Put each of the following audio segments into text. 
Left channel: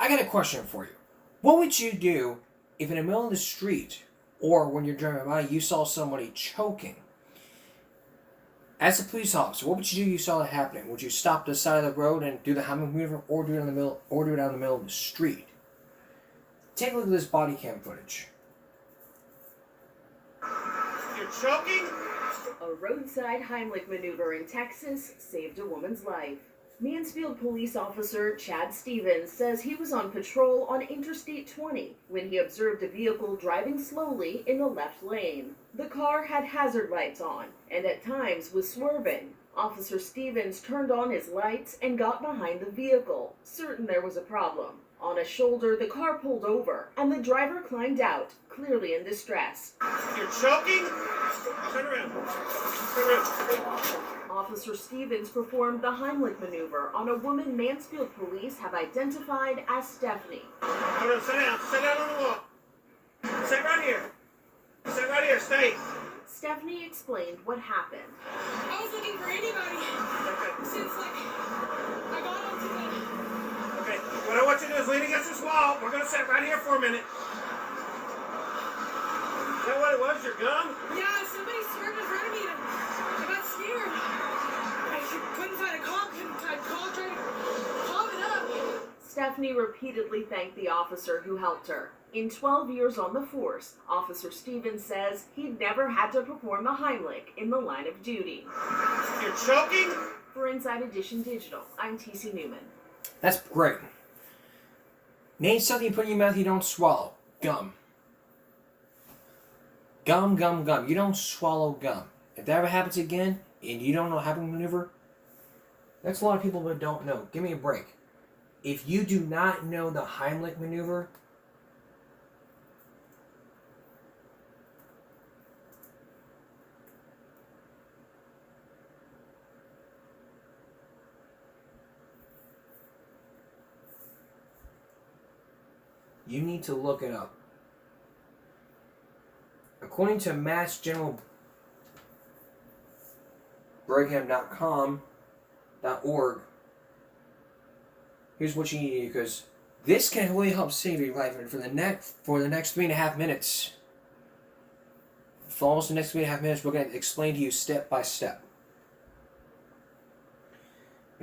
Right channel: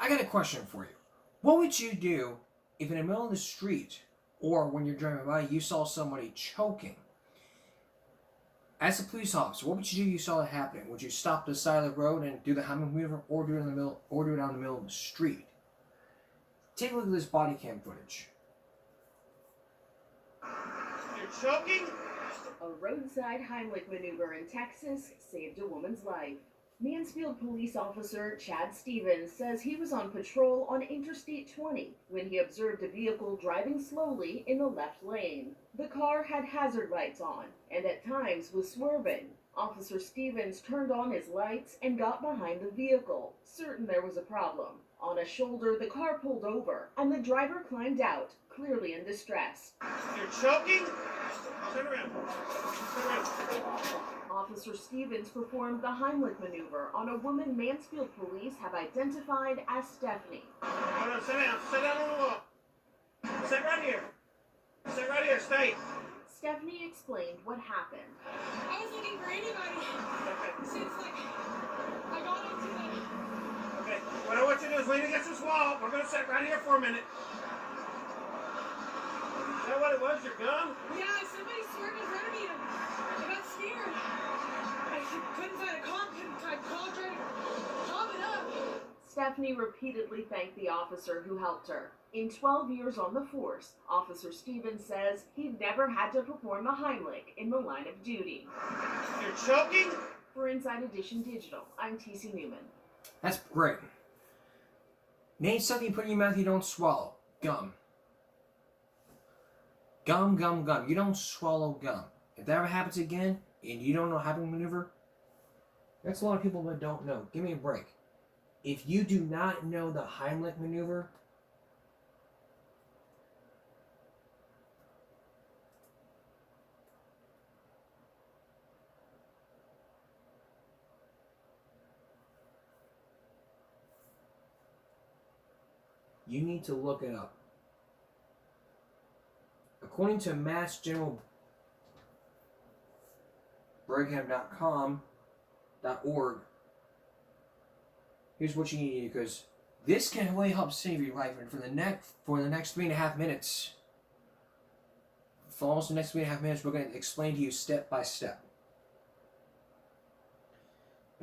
I got a question for you. What would you do if in the middle of the street or when you're driving by you saw somebody choking? As a police officer, what would you do if you saw that happening? Would you stop to the side of the road and do the Heimlich maneuver, or do it out in the middle of the street? Take a look at this body cam footage. You're choking? A roadside Heimlich maneuver in Texas saved a woman's life. Mansfield police officer Chad Stevens says he was on patrol on Interstate 20 when he observed a vehicle driving slowly in the left lane. The car had hazard lights on and at times was swerving. Officer Stevens turned on his lights and got behind the vehicle, certain there was a problem. On a shoulder, the car pulled over and the driver climbed out, clearly in distress. You're choking? Turn around. Turn around. Officer Stevens performed the Heimlich maneuver on a woman Mansfield police have identified as Stephanie. No, sit down. Sit down on the wall. Sit right here. Sit right here. Stay. Stephanie explained what happened. I was looking for anybody since, I got onto the... Okay, what I want you to do is lean against this wall. We're going to sit right here for a minute. Is that what it was, your gun? Yeah, somebody swerved in front of me and I got scared. I couldn't find a call. I called it up. Stephanie repeatedly thanked the officer who helped her. In 12 years on the force, Officer Stevens says he'd never had to perform a Heimlich in the line of duty. You're choking? For Inside Edition Digital, I'm TC Newman. That's great. Name something you put in your mouth you don't swallow. Gum. Gum, gum, gum. You don't swallow gum. If that ever happens again, and you don't know how to maneuver, that's a lot of people that don't know. Give me a break. If you do not know the Heimlich maneuver, you need to look it up. According to MassGeneralBrigham.com.org, here's what you need to do, because this can really help save your life. And for the next 3.5 minutes, for almost the next 3.5 minutes, we're going to explain to you step by step.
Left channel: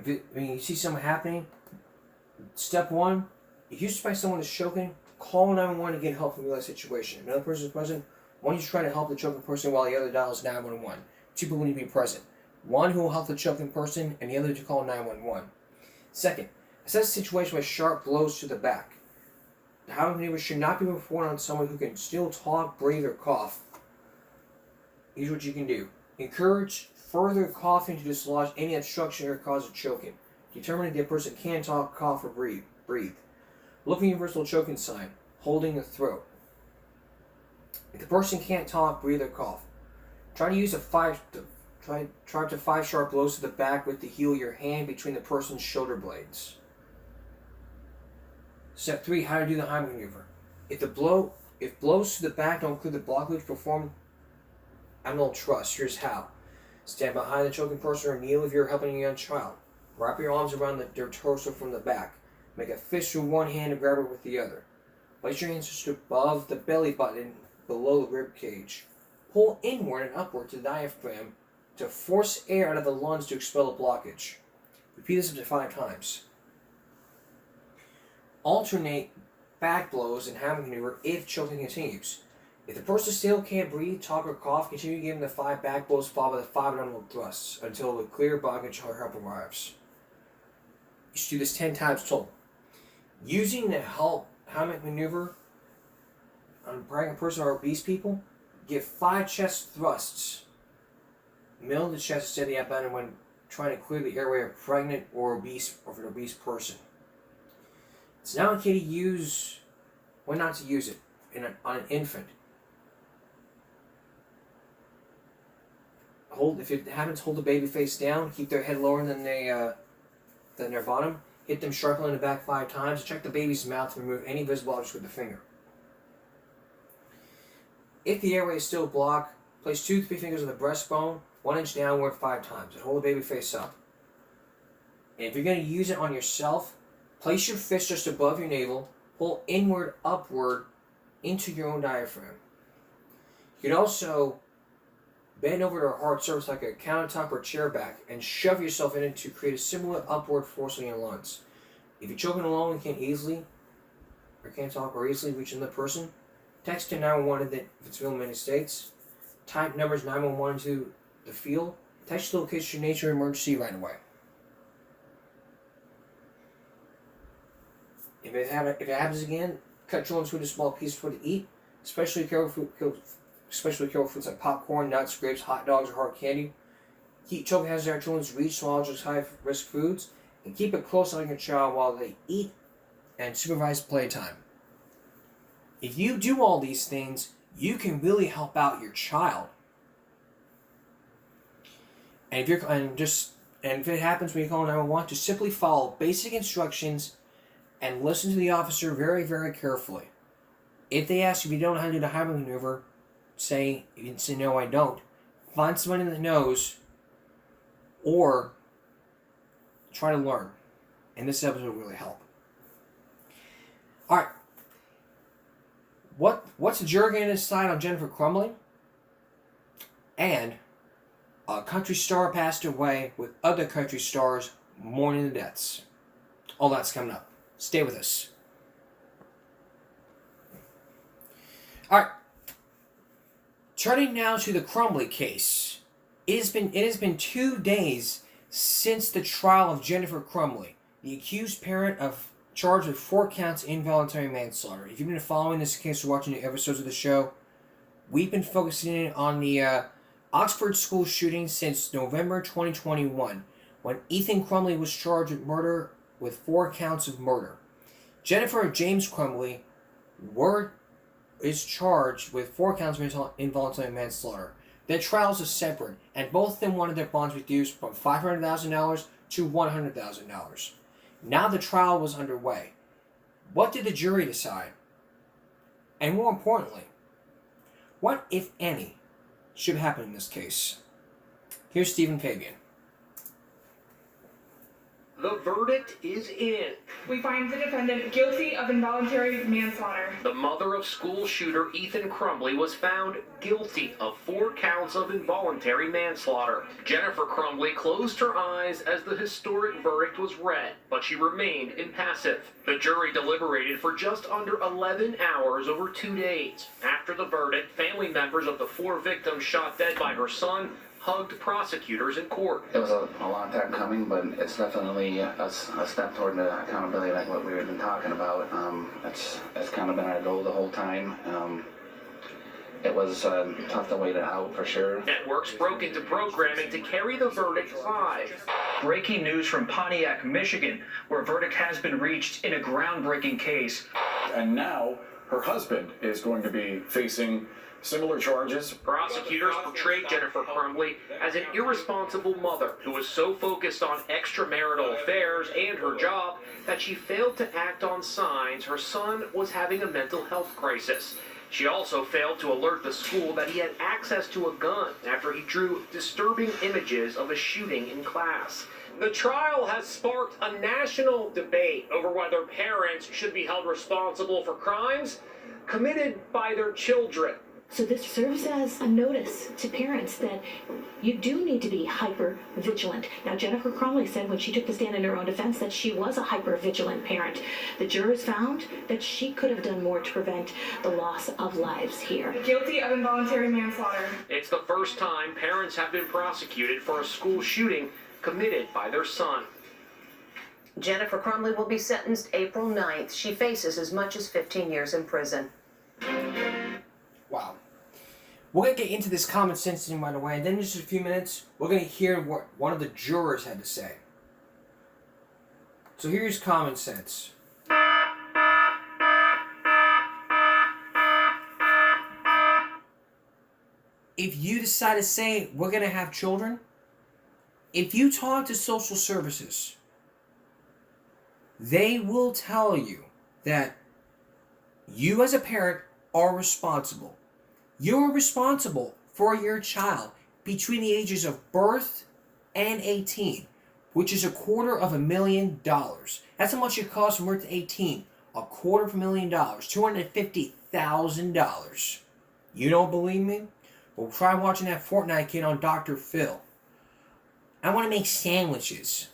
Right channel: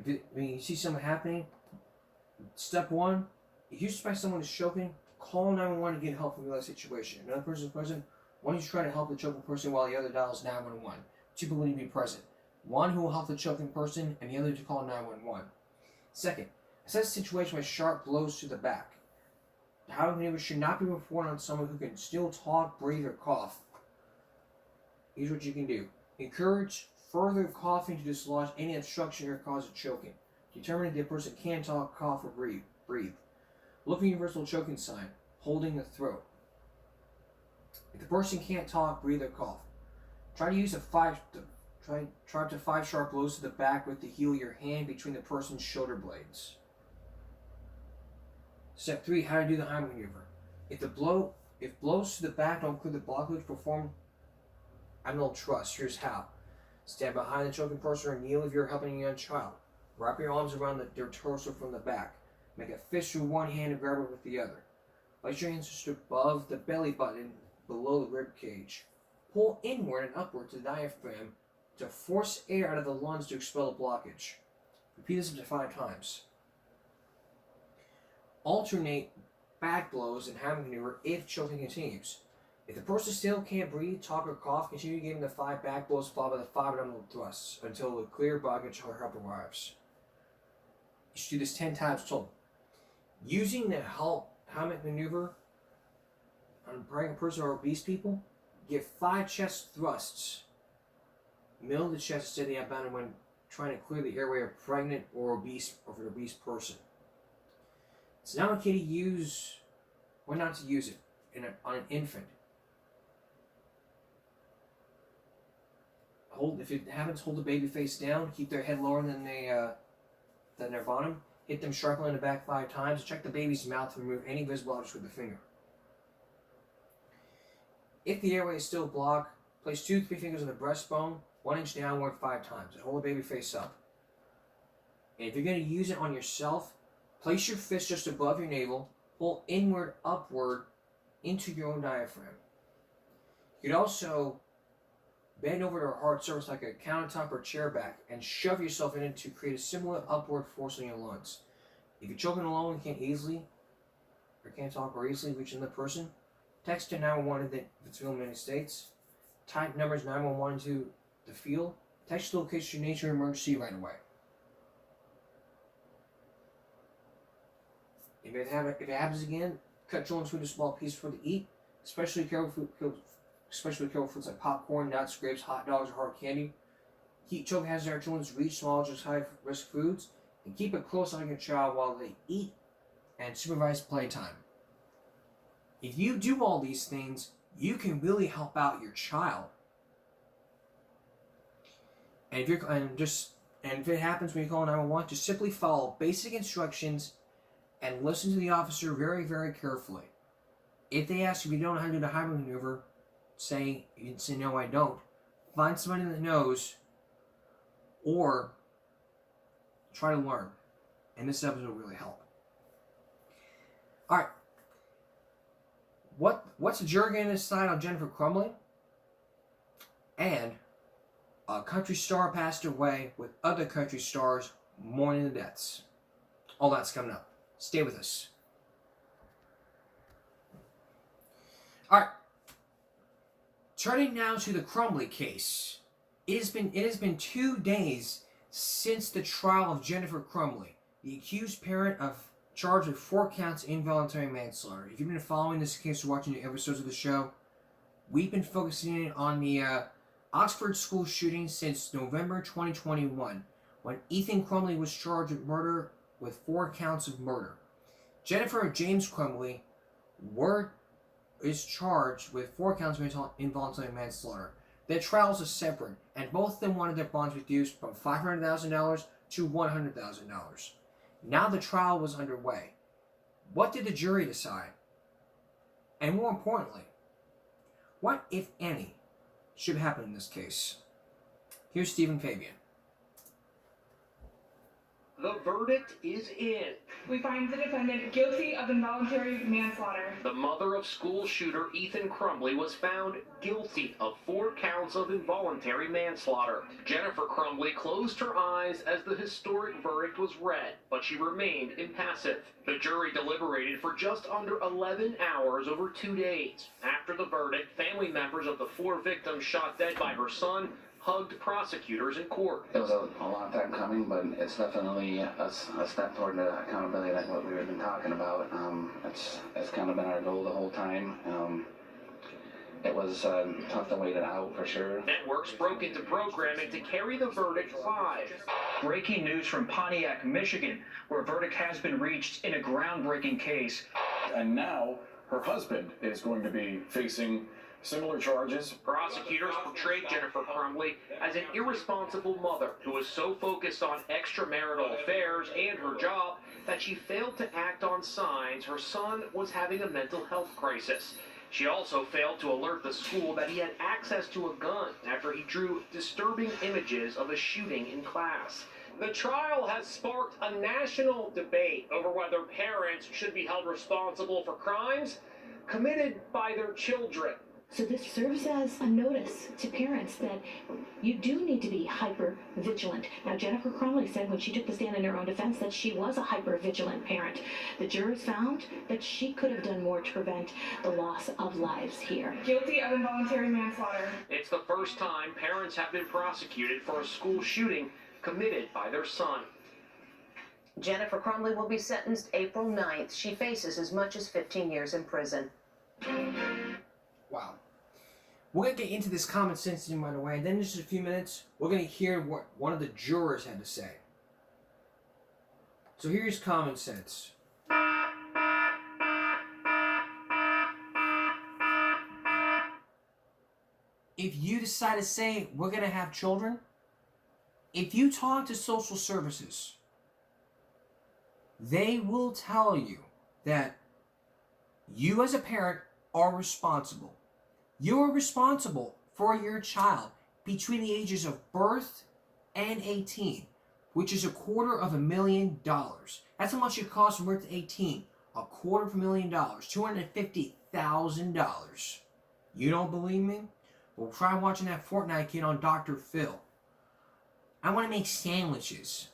When you see something happening, step one, if you suspect someone is choking, call 911 to get help from the situation. If another person is present, one is trying to help the choking person while the other dials 911. Two people need to be present. One who will help the choking person, and the other to call 911. Second, assess a situation with sharp blows to the back. The Heimlich maneuver should not be performed on someone who can still talk, breathe, or cough. Here's what you can do. Encourage further coughing to dislodge any obstruction or cause of choking. Determine if the person can talk, cough, or breathe. Look for the universal choking sign, holding the throat. If the person can't talk, breathe, or cough, try to use up to 5 sharp blows to the back with the heel of your hand between the person's shoulder blades. Step 3, how to do the Heimlich maneuver. If blows to the back don't include the blockage, perform abdominal thrust. Here's how. Stand behind the choking person or kneel if you're helping a young child. Wrap your arms around their torso from the back. Make a fist with one hand and grab it with the other. Place your hands just above the belly button, below the rib cage. Pull inward and upward to the diaphragm to force air out of the lungs to expel the blockage. Repeat this up to 5 times. Alternate back blows and Heimlich maneuver if choking continues. If the person still can't breathe, talk, or cough, continue giving the 5 back blows followed by the 5 abdominal thrusts until the clear blockage or help arrives. You should do this 10 times total. Using the Heimlich maneuver on pregnant person or obese people, give 5 chest thrusts. Middle of the chest to steady abdomen when trying to clear the airway of pregnant or obese or for an obese person. It's not okay to use, when not to use it on an infant. If it happens, hold the baby face down. Keep their head lower than their bottom. Hit them sharply in the back 5 times. Check the baby's mouth to remove any visible objects with the finger. If the airway is still blocked, place 2 to 3 fingers on the breastbone, 1 inch downward 5 times, and hold the baby face up. And if you're going to use it on yourself, Place your fist just above your navel, pull inward, upward, into your own diaphragm. You can also bend over to a hard surface like a countertop or chair back and shove yourself in it to create a similar upward force on your lungs. If you're choking along and can't talk or easily reach another person, text to 911 if it's real in many states. Type numbers 911 into the field. Text the location of your nature emergency right away. If it happens again, cut children's food into small pieces for to eat. Especially careful foods like popcorn, nuts, grapes, hot dogs, or hard candy. Keep choking hazards out of children's reach, swallow just high-risk foods, and keep it close on your child while they eat and supervise playtime. If you do all these things, you can really help out your child. And if it happens when you call 911, just simply follow basic instructions and listen to the officer very, very carefully. If they ask you if you don't know how to do the Heimlich maneuver, you can say no, I don't. Find someone that knows, or try to learn. And this episode will really help. All right. What's the jury going to decide on Jennifer Crumbley? And a country star passed away with other country stars mourning the deaths. All that's coming up. Stay with us. All right. Turning now to the Crumbley case. It has been 2 days since the trial of Jennifer Crumbley, the accused parent charged with 4 counts of involuntary manslaughter. If you've been following this case or watching the episodes of the show, we've been focusing on the Oxford school shooting since November 2021, when Ethan Crumbley was charged with murder with 4 counts of murder. Jennifer James Crumbley is charged with 4 counts of involuntary manslaughter. Their trials are separate, and both of them wanted their bonds reduced from $500,000 to $100,000. Now the trial was underway. What did the jury decide? And more importantly, what, if any, should happen in this case? Here's Stephen Fabian. The verdict is in. We find the defendant guilty of involuntary manslaughter. The mother of school shooter Ethan Crumbley was found guilty of 4 counts of involuntary manslaughter. Jennifer Crumbley closed her eyes as the historic verdict was read, but she remained impassive. The jury deliberated for just under 11 hours over 2 days. After the verdict, family members of the 4 victims shot dead by her son hugged prosecutors in court. It was a long time coming, but it's definitely a step toward the accountability like what we've been talking about. It's kind of been our goal the whole time. It was tough to wait it out for sure. Networks broke into programming to carry the verdict live. Breaking news from Pontiac, Michigan, where a verdict has been reached in a groundbreaking case. And now her husband is going to be facing similar charges. Prosecutors portrayed Jennifer Crumbley as an irresponsible mother who was so focused on extramarital affairs and her job that she failed to act on signs her son was having a mental health crisis. She also failed to alert the school that he had access to a gun after he drew disturbing images of a shooting in class. The trial has sparked a national debate over whether parents should be held responsible for crimes committed by their children. So this serves as a notice to parents that you do need to be hyper vigilant. Now, Jennifer Crumbley said when she took the stand in her own defense that she was a hyper vigilant parent. The jurors found that she could have done more to prevent the loss of lives here. Guilty of involuntary manslaughter. It's the first time parents have been prosecuted for a school shooting committed by their son. Jennifer Crumbley will be sentenced April 9th. She faces as much as 15 years in prison. Wow. We're going to get into this common sense thing right away, and then in just a few minutes, we're going to hear what one of the jurors had to say. So here's common sense. If you decide to say, we're going to have children, if you talk to social services, they will tell you that you as a parent are responsible. You're responsible for your child between the ages of birth and 18. which is $250,000. That's how much it costs from birth to 18. $250,000, $250,000. You don't believe me? Well, try watching that Fortnite kid on Dr. Phil. I want to make sandwiches.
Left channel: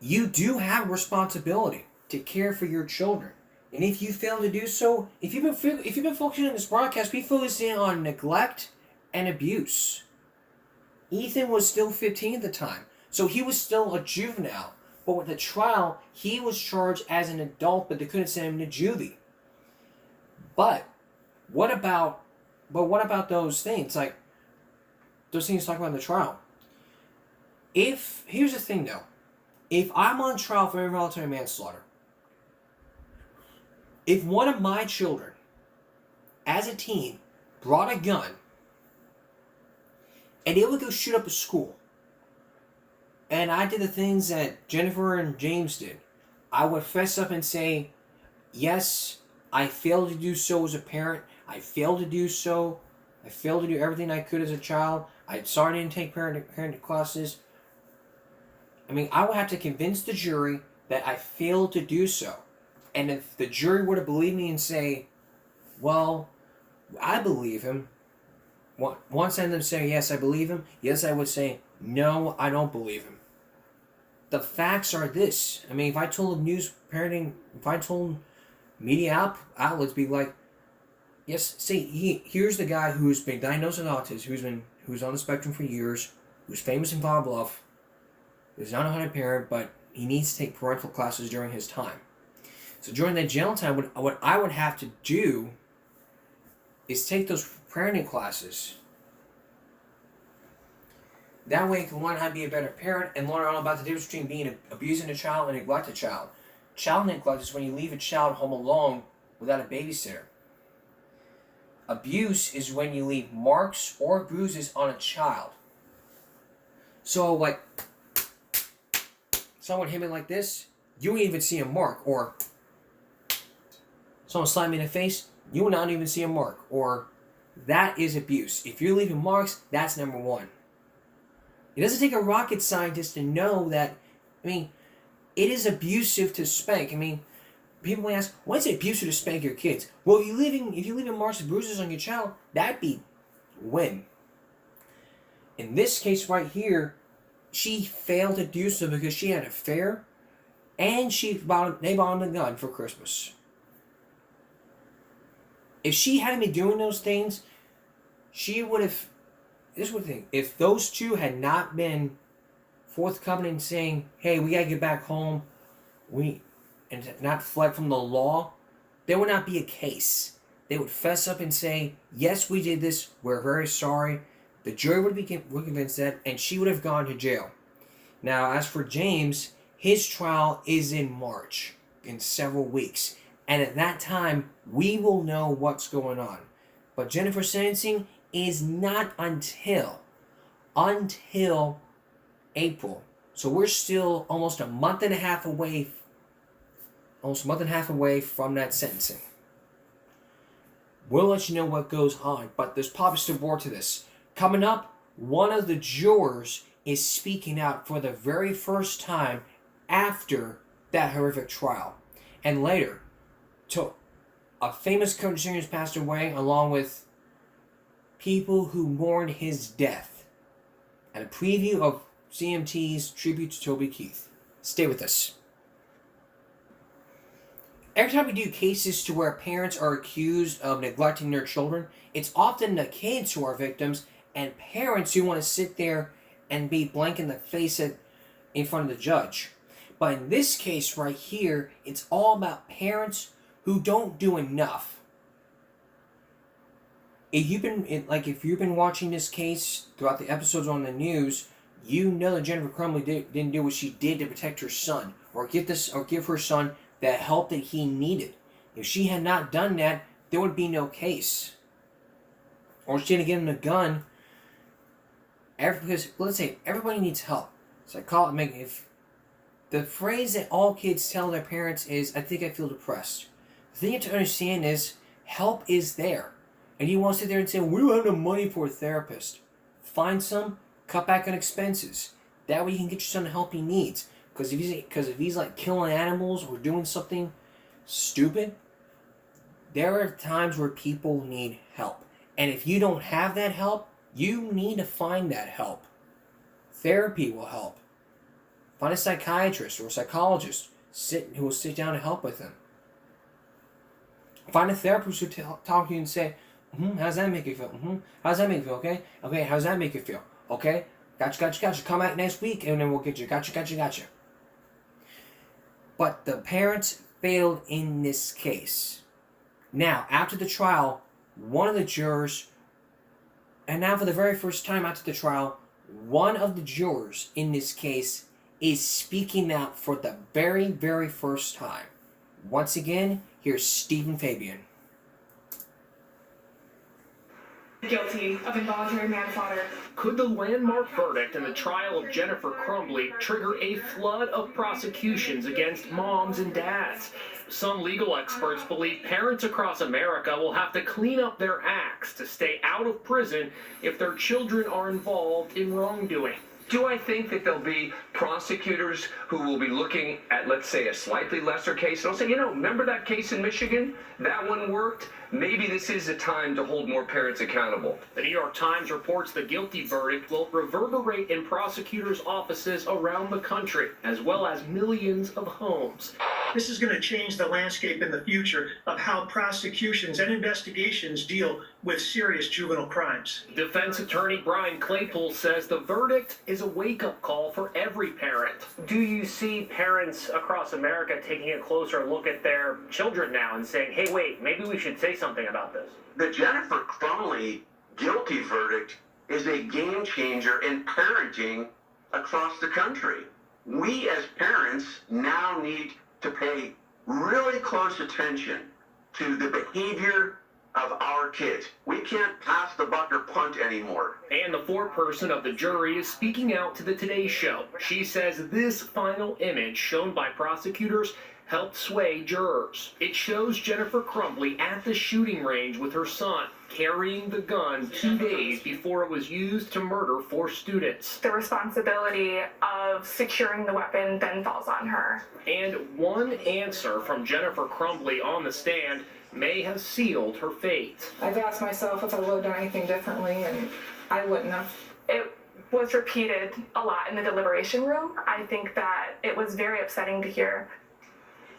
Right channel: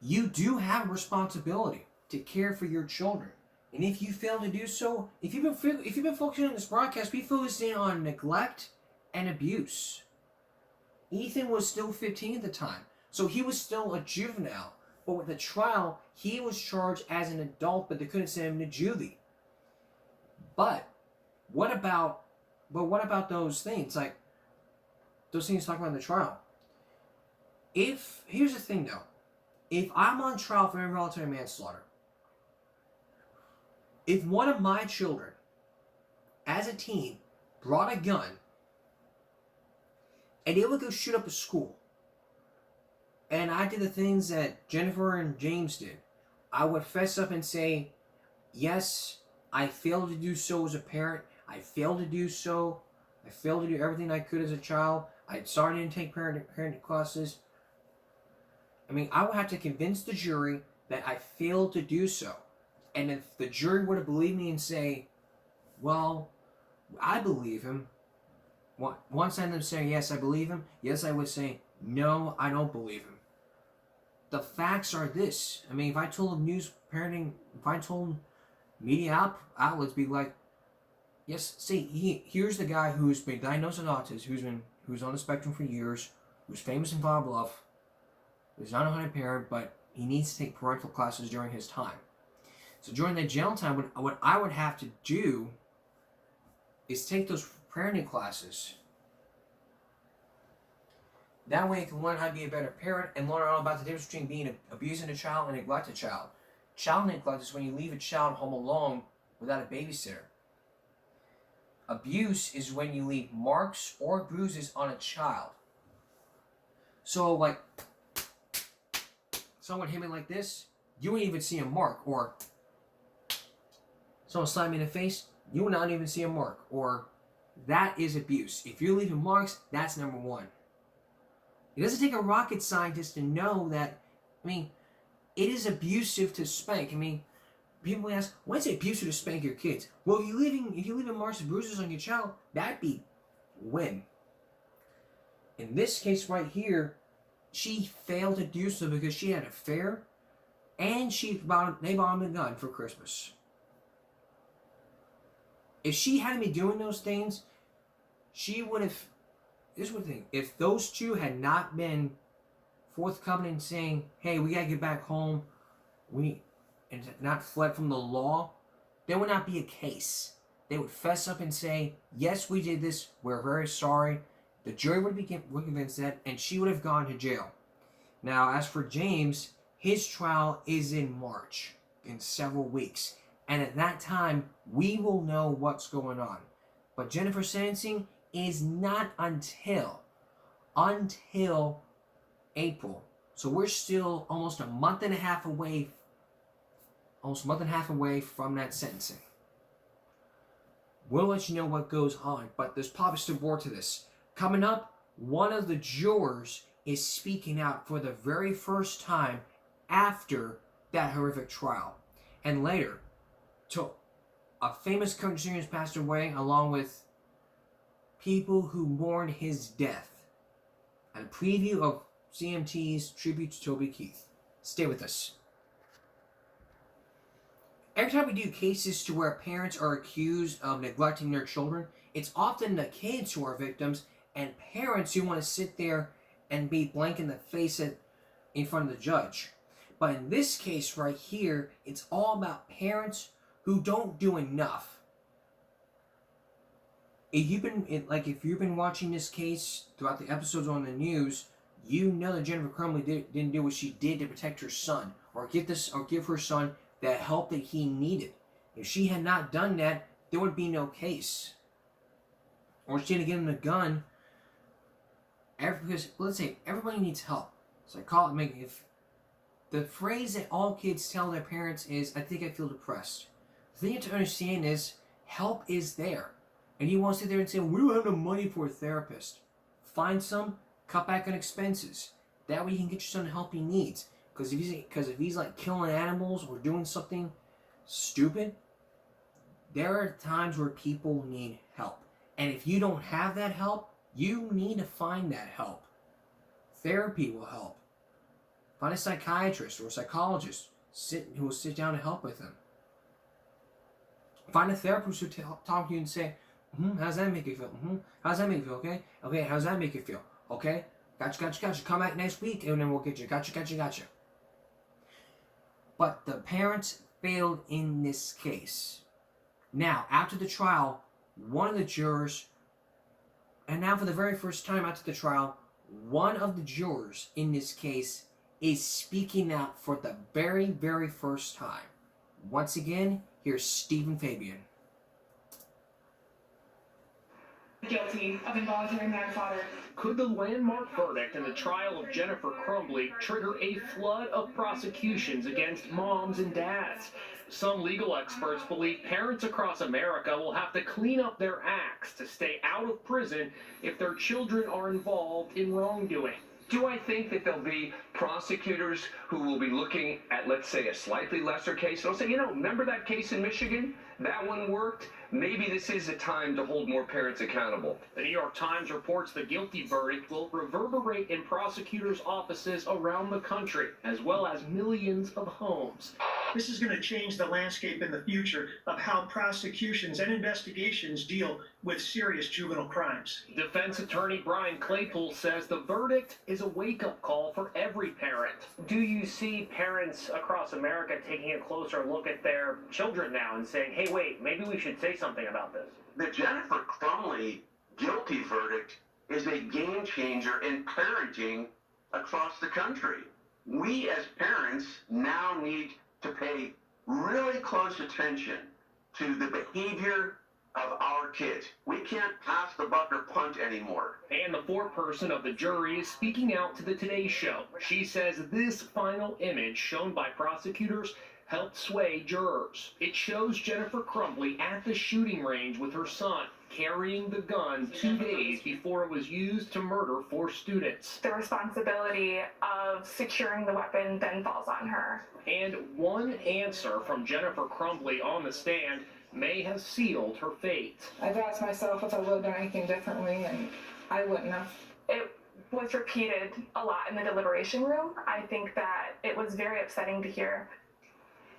You do have a responsibility to care for your children. And if you fail to do so, if you've been focusing on this broadcast, be focusing on neglect and abuse. Ethan was still 15 at the time, so he was still a juvenile. But with the trial, he was charged as an adult, but they couldn't send him to juvie. But what about those things? Like those things talked about in the trial. Here's the thing though. If I'm on trial for involuntary manslaughter, if one of my children, as a teen, brought a gun and they would go shoot up a school, and I did the things that Jennifer and James did, I would fess up and say, yes, I failed to do so as a parent. I failed to do so. I failed to do everything I could as a child. I'm sorry I didn't take parenting classes. I mean, I would have to convince the jury that I failed to do so. And if the jury were to believe me and say, well, I believe him, once I them say, yes, I believe him, yes, I would say, no, I don't believe him. The facts are this. I mean, if I told media outlets, be like, yes, see, here's the guy who's been diagnosed with autism, who's on the spectrum for years, who's famous in Bob Bluff, who's not a 100 parent, but he needs to take parental classes during his time. So during that jail time, what I would have to do is take those parenting classes. That way I can learn how to be a better parent and learn all about the difference between abusing a child and neglect a child. Child neglect is when you leave a child home alone without a babysitter. Abuse is when you leave marks or bruises on a child. So, like, someone hit me like this, you wouldn't even see a mark. Or someone slapped me in the face, you would not even see a mark. Or that is abuse. If you're leaving marks, that's number one. It doesn't take a rocket scientist to know that, I mean, it is abusive to spank. I mean, people ask, why is it abusive to spank your kids? Well, if you're leaving marks and bruises on your child, that'd be win. In this case right here, she failed to do so because she had an affair and they bought him a gun for Christmas. If she hadn't been doing those things, she would have... This is what the thing. If those two had not been forthcoming and saying, hey, we gotta get back home, and not fled from the law, there would not be a case. They would fess up and say, yes, we did this, we're very sorry. The jury would be convinced that, and she would have gone to jail. Now, as for James, his trial is in March, in several weeks. And at that time, we will know what's going on. But Jennifer's sentencing is not until April. So we're still almost a month and a half away from that sentencing. We'll let you know what goes on, but there's probably still more to this. Coming up, one of the jurors is speaking out for the very first time after that horrific trial. And later, a famous country singer has passed away, along with people who mourned his death. And a preview of CMT's tribute to Toby Keith. Stay with us. Every time we do cases to where parents are accused of neglecting their children, it's often the kids who are victims and parents who want to sit there and be blank in the face in front of the judge. But in this case right here, it's all about parents who don't do enough. If you've been watching this case throughout the episodes on the news, you know that Jennifer Crumbley didn't do what she did to protect her son, or give her son the help that he needed. If she had not done that, there would be no case. Or she didn't give him a gun. Because let's say everybody needs help. If the phrase that all kids tell their parents is, "I think I feel depressed." The thing you have to understand is, help is there. And you want to sit there and say, we don't have no money for a therapist. Find some, Cut back on expenses. That way you can get your son the help he needs. Because if he's like killing animals or doing something stupid, there are times where people need help. And if you don't have that help, you need to find that help. Therapy will help. Find a psychiatrist or a psychologist who will sit down and help with him. Find a therapist who talk to you and say, how's that make you feel? How's that make you feel? Okay? Okay, how's that make you feel? Okay? Gotcha. Come back next week and then we'll get you. Gotcha. But the parents failed in this case. Now, after the trial, one of the jurors, and now for the very first time after the trial, one of the jurors in this case is speaking out for the very, very first time. Once again, here's Stephen Fabian. Guilty of involuntary manslaughter. Could the landmark verdict in the trial of Jennifer Crumbley trigger a flood of prosecutions against moms and dads? Some legal experts believe parents across America will have to clean up their acts to stay out of prison if their children are involved in wrongdoing. Do I think that there'll be prosecutors who will be looking at, let's say, a slightly lesser case and they'll say, remember that case in Michigan? That one worked? Maybe this is a time to hold more parents accountable. The New York Times reports the guilty verdict will reverberate in prosecutors' offices around the country, as well as millions of homes. This is going to change the landscape in the future of how prosecutions and investigations deal with serious juvenile crimes. Defense attorney Brian Claypool says the verdict is a wake-up call for every parent. Do you see parents across America taking a closer look at their children now and saying, hey, wait, maybe we should say something about this? The Jennifer Crumbley guilty verdict is a game changer in parenting across the country. We as parents now need to pay really close attention to the behavior of our kids. We can't pass the buck or punt anymore. And the foreperson of the jury is speaking out to the Today Show. She says this final image shown by prosecutors helped sway jurors. It shows Jennifer Crumbley at the shooting range with her son, carrying the gun 2 days before it was used to murder 4 students. The responsibility of securing the weapon then falls on her. And one answer from Jennifer Crumbley on the stand may have sealed her fate. I've asked myself if I would have done anything differently, and I wouldn't have. It was repeated a lot in the deliberation room. I think that it was very upsetting to hear.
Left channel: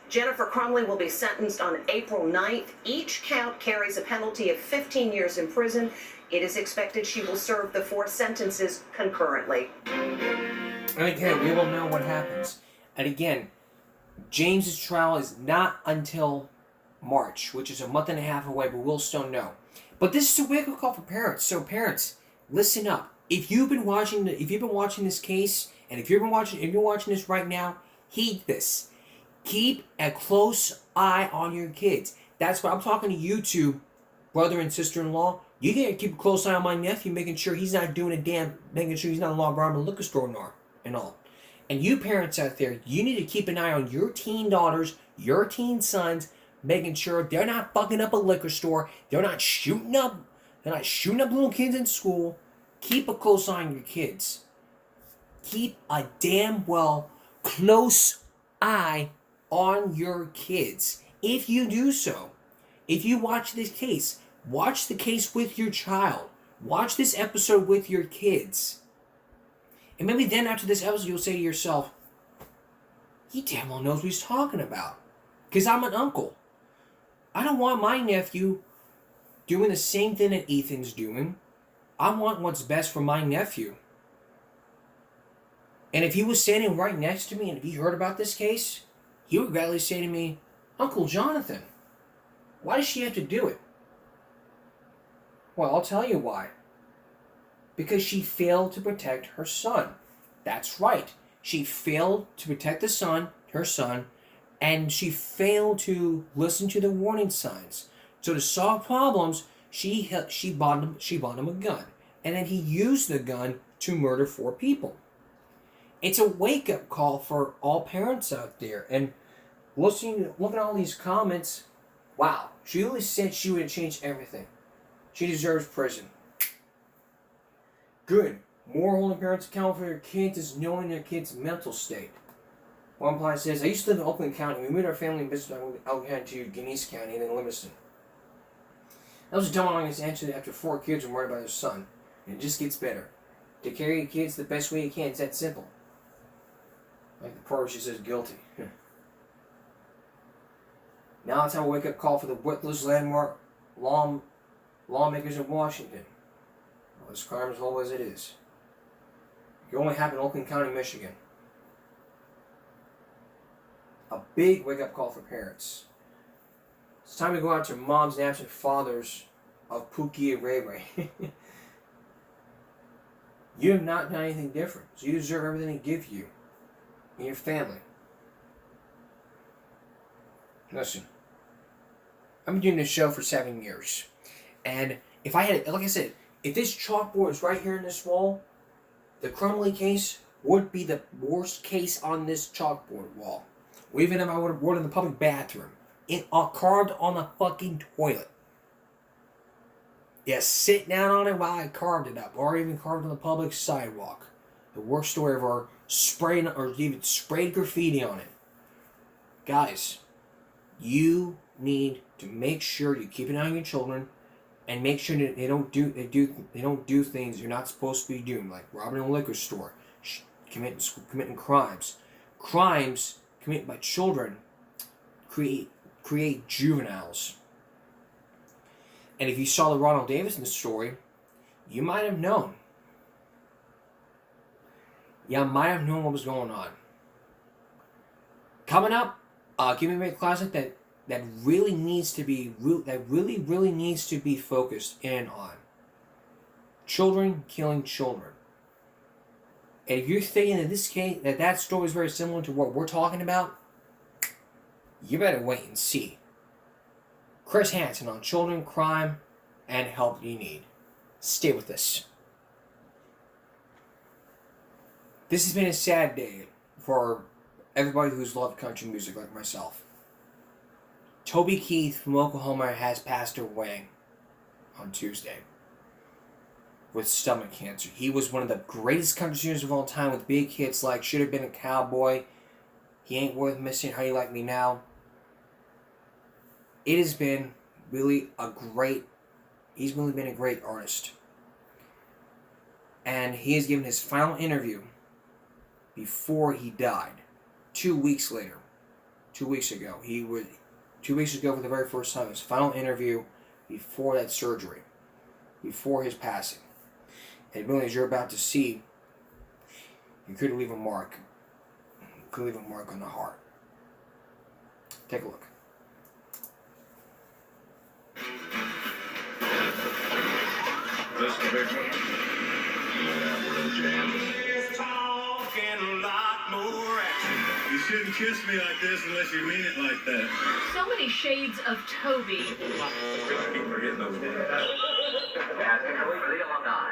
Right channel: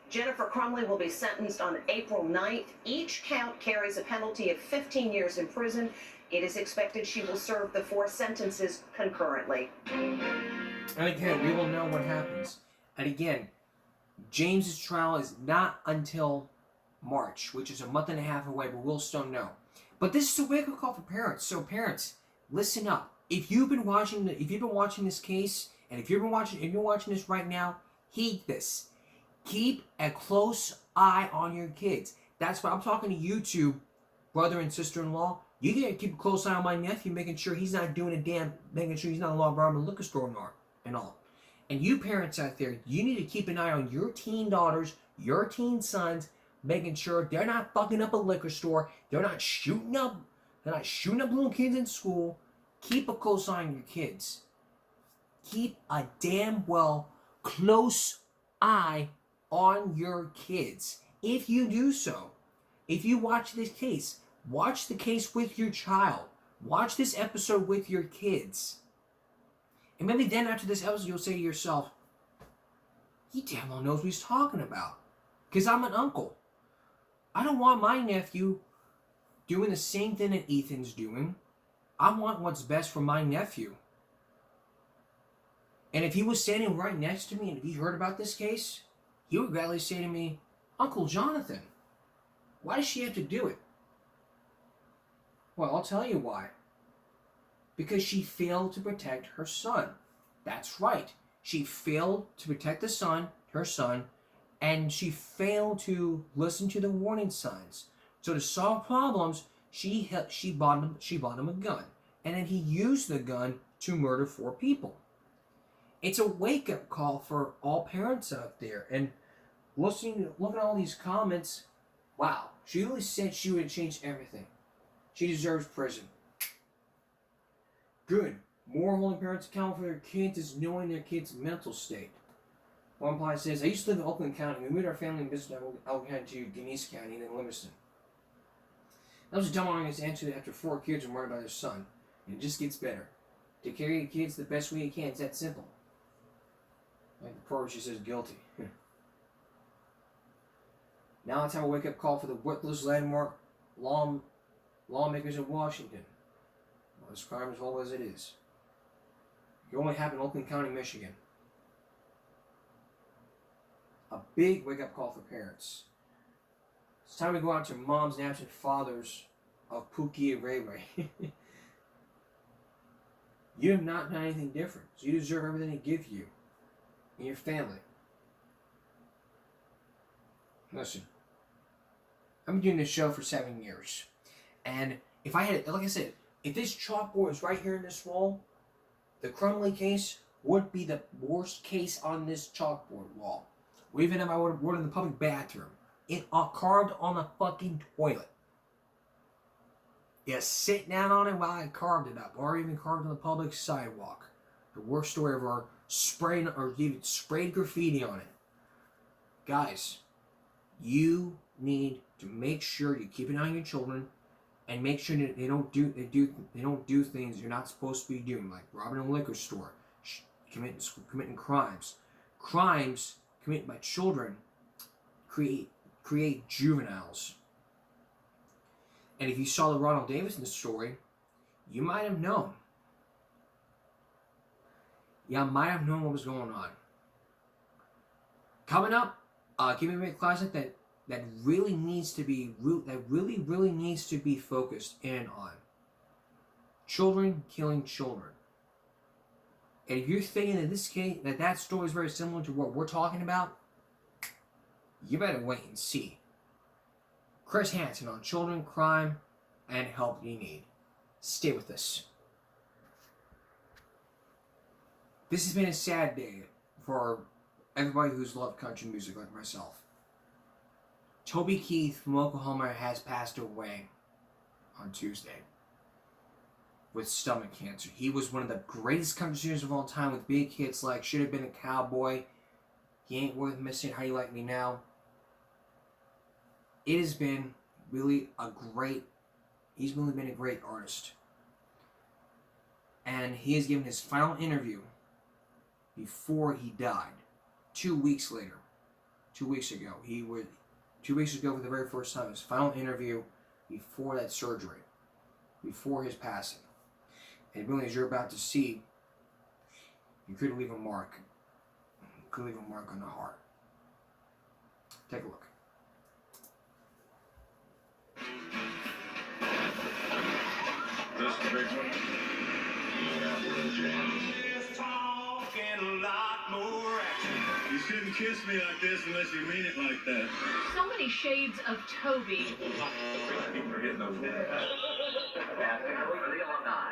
Jennifer Crumbley will be sentenced on April 9th. Each count carries a penalty of 15 years in prison. It is expected she will serve the 4 sentences concurrently. And again, we will know what happens. And again, James's trial is not until March, which is a month and a half away, but we'll still know. But this is a wake-up call for parents. So parents, listen up. If you've been watching this case, and if you're watching this right now, heed this. Keep a close eye on your kids. That's what I'm talking to you two, brother and sister-in-law. You gotta keep a close eye on my nephew, making sure he's not making sure he's not robbing a liquor store and all. And you parents out there, you need to keep an eye on your teen daughters, your teen sons, making sure they're not fucking up a liquor store, they're not shooting up little kids in school. Keep a close eye on your kids. Keep a damn well close eye on your kids. If you do so, if you watch this case, watch the case with your child. Watch this episode with your kids. And maybe then after this episode, you'll say to yourself, he damn well knows what he's talking about. Because I'm an uncle. I don't want my nephew doing the same thing that Ethan's doing. I want what's best for my nephew. And if he was standing right next to me and if he heard about this case, he would gladly say to me, Uncle Jonathan, why does she have to do it? Well, I'll tell you why. Because she failed to protect her son. That's right. She failed to protect her son, and she failed to listen to the warning signs. So to solve problems, she bought him a gun. And then he used the gun to murder 4 people. It's a wake-up call for all parents out there. And looking at all these comments, wow, she really said she would have changed everything. She deserves prison. Good. More holding parents accountable for their kids is knowing their kids' mental state. One reply says, I used to live in Oakland County. We moved our family and business from Oakland County to Genesee County and then Livingston. That was a dumb long answer after 4 kids were murdered by their son. And it just gets better. Take care of your kids the best way you can. It's that simple. Like the part where she says guilty. Now it's time to wake up call for the witless landmark lawmakers in Washington. Well, this crime is whole as it is. It only happened in Oakland County, Michigan. A big wake-up call for parents. It's time to go out to moms and absent fathers of Pookie and Ray Ray. You have not done anything different, so you deserve everything they give you and your family. Listen, I've been doing this show for 7 years, and if I had, like I said, if this chalkboard was right here in this wall, the Crumbley case would be the worst case on this chalkboard wall. Or even if I would have worn in the public bathroom, carved on the fucking toilet. Yeah, sit down on it while I carved it up, or even carved on the public sidewalk. The worst story ever, spraying or even sprayed graffiti on it. Guys, you need to make sure you keep an eye on your children, and make sure that they don't do things you're not supposed to be doing, like robbing a liquor store, committing crimes. Crimes committed by children create juveniles. And if you saw the Ronald Davidson story, you might have known. You might have known what was going on. Coming up, give me a classic that really needs to be really needs to be focused in on. Children killing children. And if you're thinking in this case that story is very similar to what we're talking about, you better wait and see. Chris Hansen on children, crime, and help you need. Stay with us. This has been a sad day for everybody who's loved country music like myself. Toby Keith from Oklahoma has passed away on Tuesday with stomach cancer. He was one of the greatest country singers of all time with big hits like Should Have Been a Cowboy, He Ain't Worth Missing, How You Like Me Now. It has been really he's really been a great artist. And he has given his final interview before he died. 2 weeks ago, for the very first time, his final interview before that surgery, before his passing. And really, as you're about to see, you could leave a mark. You could leave a mark on the heart. Take a look. This the big one? Yeah, real jam. You shouldn't kiss me like this unless you mean it like that. So many shades of Toby. Keep forgetting those words.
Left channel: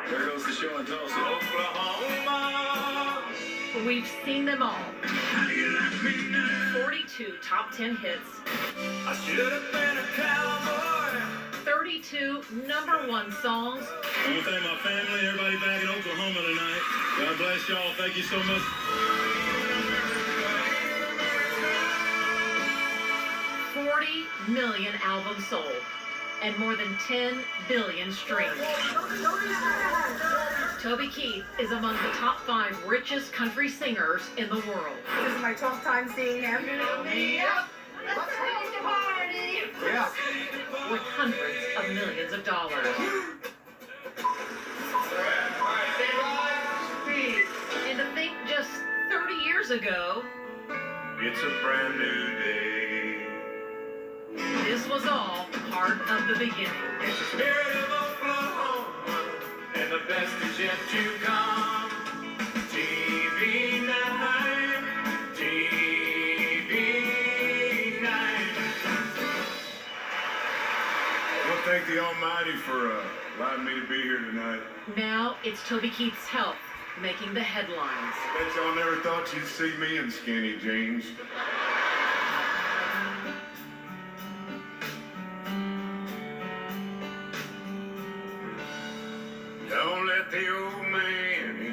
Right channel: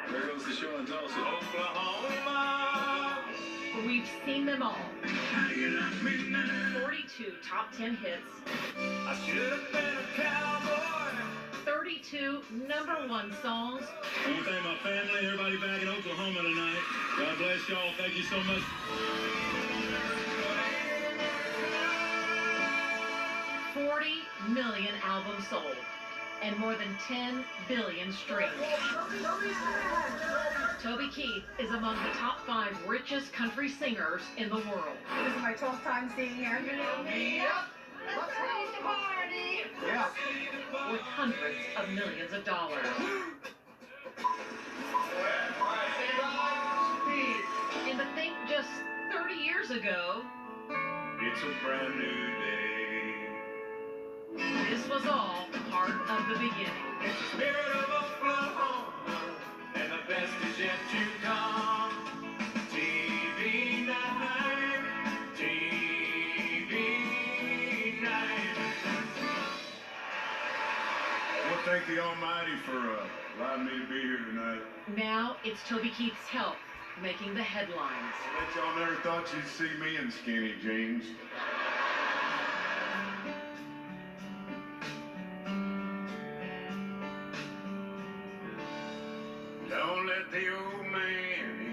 There goes the show in Tulsa. Oklahoma. We've seen them all. 42 top 10 hits. I should have been a cowboy. 32 #1 songs. I want to thank my family and everybody back in Oklahoma tonight. God bless y'all. Thank you so much. 40 million albums sold and more than 10 billion streams. Toby Keith is among the top 5 richest country singers in the world. This is my 12th time seeing him. Yep. Yeah. With hundreds of millions of dollars. And to think just 30 years ago, It's a brand new day. this was all part of the beginning. It's the spirit of Oklahoma, and the best is yet to come. TV night, TV night. Well, thank the Almighty for allowing me to be here tonight. Now it's Toby Keith's health making the headlines. Bet y'all never thought you'd see me in skinny jeans. Don't let the old man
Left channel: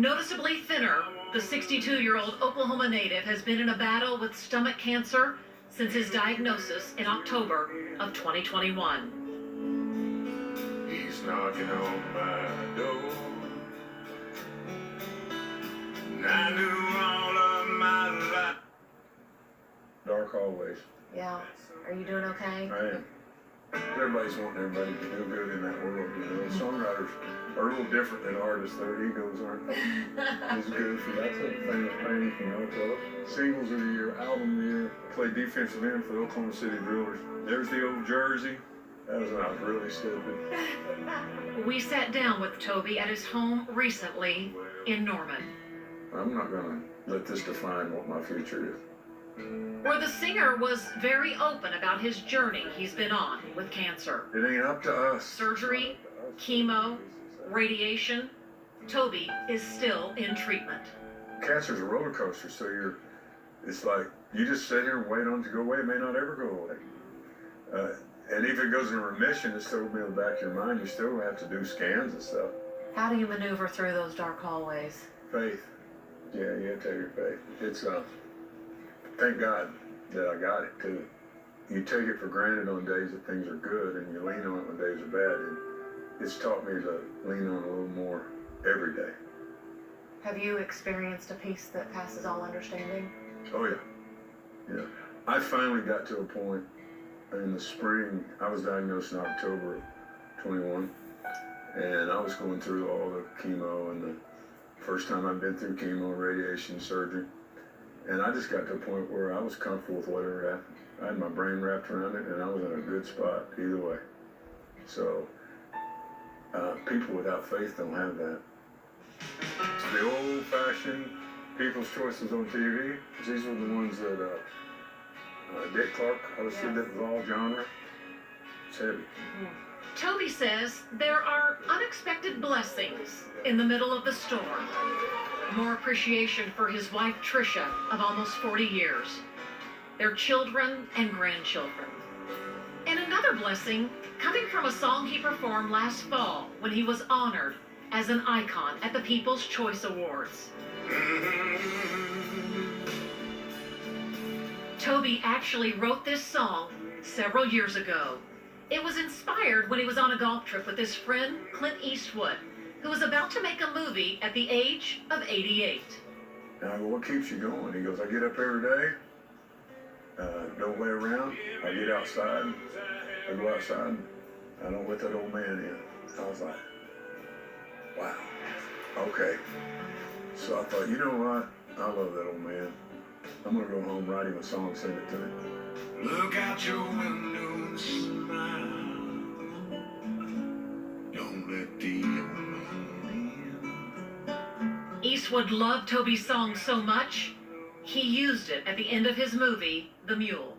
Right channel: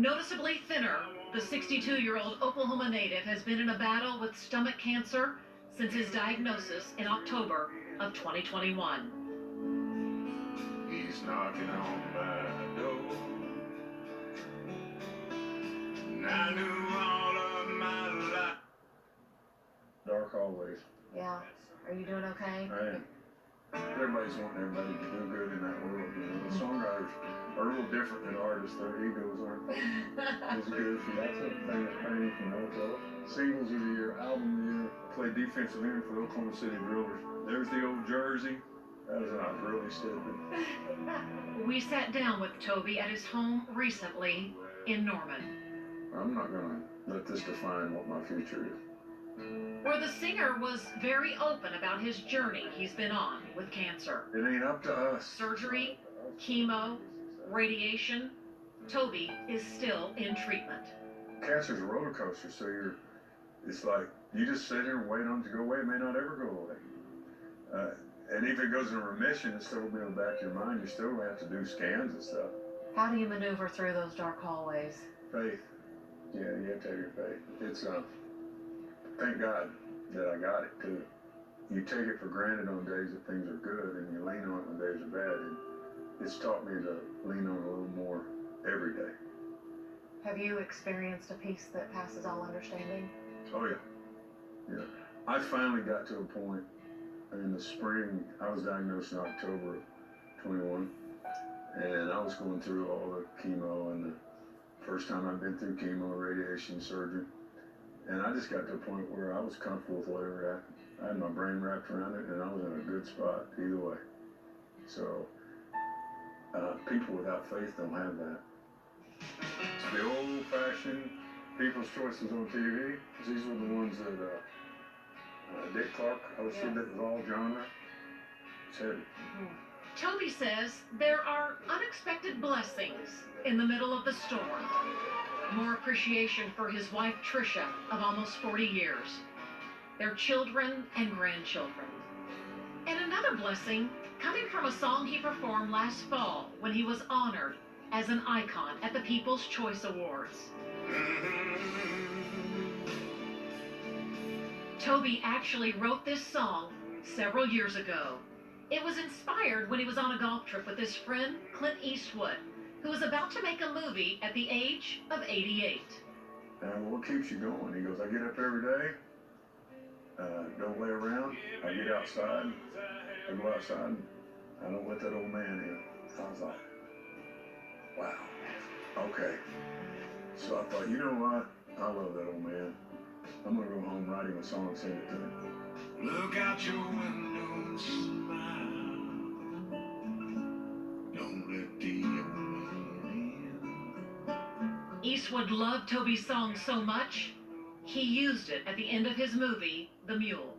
Noticeably thinner, the 62-year-old Oklahoma native has been in a battle with stomach cancer since his diagnosis in October of 2021. He's knocking on my door. And I knew all of my life. Dark hallways. Yeah. Are you doing okay? I am. Everybody's wanting everybody to do good in that world, you know. Songwriters are a little different than artists. Their egos aren't as goofy. That's a thing of pain, you know. So, singles of the year, album of the year. Played defensive end for the Oklahoma City Drillers. There's the old jersey. That was when I was really stupid. We sat down with Toby at his home recently in Norman, I'm not gonna let this define what my future is. where the singer was very open about his journey he's been on with cancer. It ain't up to us. Surgery, chemo, radiation. Toby is still in treatment. Cancer's a roller coaster, so it's like, you just sit here and wait on it to go away. It may not ever go away. And if it goes in remission, it's still be in the back of your mind. You still have to do scans and stuff. How do you maneuver through those dark hallways? Faith. Yeah, you have to have your faith. It's, thank God that I got it, too. You take it for granted on days that things are good, and you lean on it when days are bad, and it's taught me to lean on it a little more every day. Have you experienced a peace that passes all understanding? Oh, yeah. Yeah. I finally got to a point in the spring. I was diagnosed in October of 21, and I was going through all the chemo, and the first time I'd been through chemo, radiation, surgery. And I just got to a point where I was comfortable with whatever happened. I had my brain wrapped around it, and I was in a good spot either way. So, people without faith don't have that. It's the old-fashioned People's Choices on TV. These were the ones that Dick Clark hosted. That was all genre. It's heavy. Toby says there are unexpected blessings in the middle of the storm. More appreciation for his wife, Tricia, of almost 40 years. Their children and grandchildren. And another blessing coming from a song he performed last fall when he was honored as an icon at the People's Choice Awards. Toby actually wrote this song several years ago. It was inspired when he was on a golf trip with his friend Clint Eastwood, who was about to make a movie at the age of 88. And I go, what keeps you going? He goes, I get up every day, don't lay around, I get outside, I go outside, I don't let that old man in. I was like, wow, okay. So I thought, you know what? I love that old man. I'm gonna go home, write him a song, sing it to him. Look out your window and smile. Don't let the old man in. Eastwood loved Toby's song so much, he used it at the end of his movie, The Mule.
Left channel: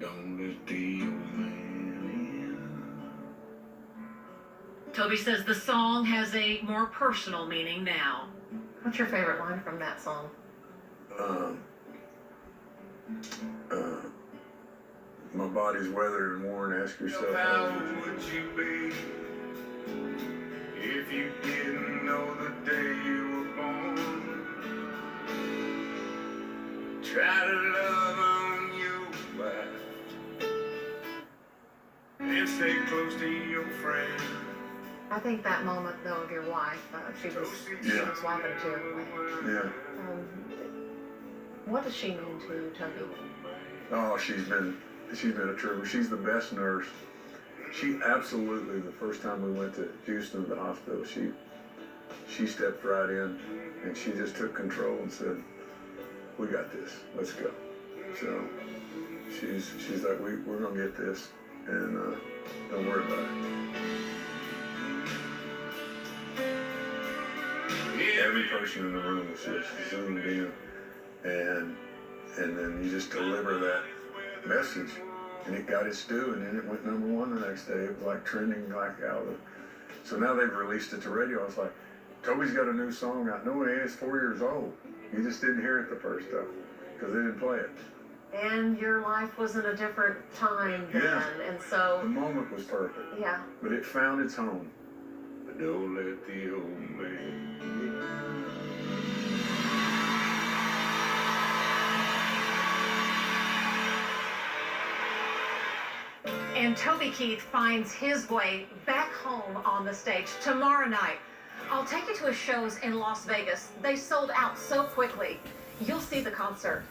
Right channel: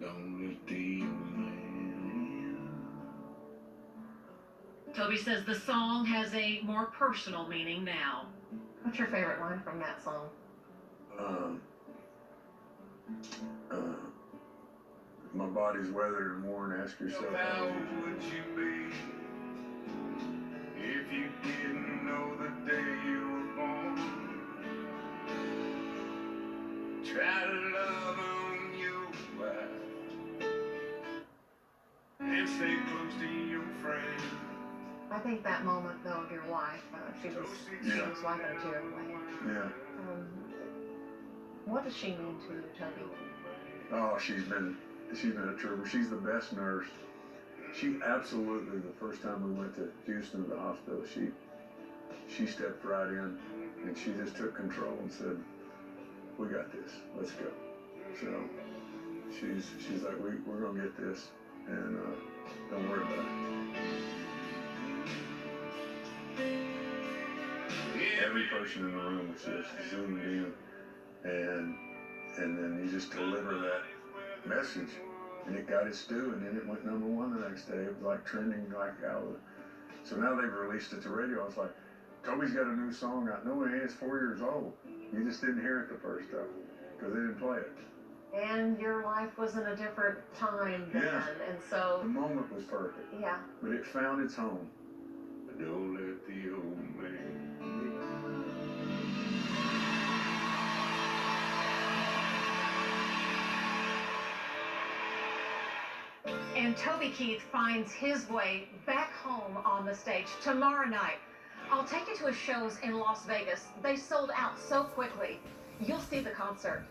Don't let the old man in. Toby says the song has a more personal meaning now. What's your favorite line from that song? My body's weathered and worn. Ask yourself, How would you be if you didn't know the day you were born? Try to love on your life and stay close to your friends. I think that moment, though, of your wife, she was wiping too. Yeah. What does she mean to Toby? Oh, she's been a trooper. She's the best nurse. She absolutely, the first time we went to Houston, the hospital, she stepped right in and she just took control and said, we got this, let's go. So she's like, we're gonna get this, and don't worry about it. Every person in the room was just zoomed in, and then you just deliver that message, and it got its due, and then it went #1 the next day. It was like trending like out of. So now they've released it to radio. I was like, Toby's got a new song out. No, it ain't. It's 4 years old. You just didn't hear it the first time because they didn't play it. And your life was in a different time then, and so the moment was perfect. Yeah. But it found its home. But don't let the old man And Toby Keith finds his way back home on the stage tomorrow night. I'll take you to his shows in Las Vegas. They sold out so quickly. You'll see the concert.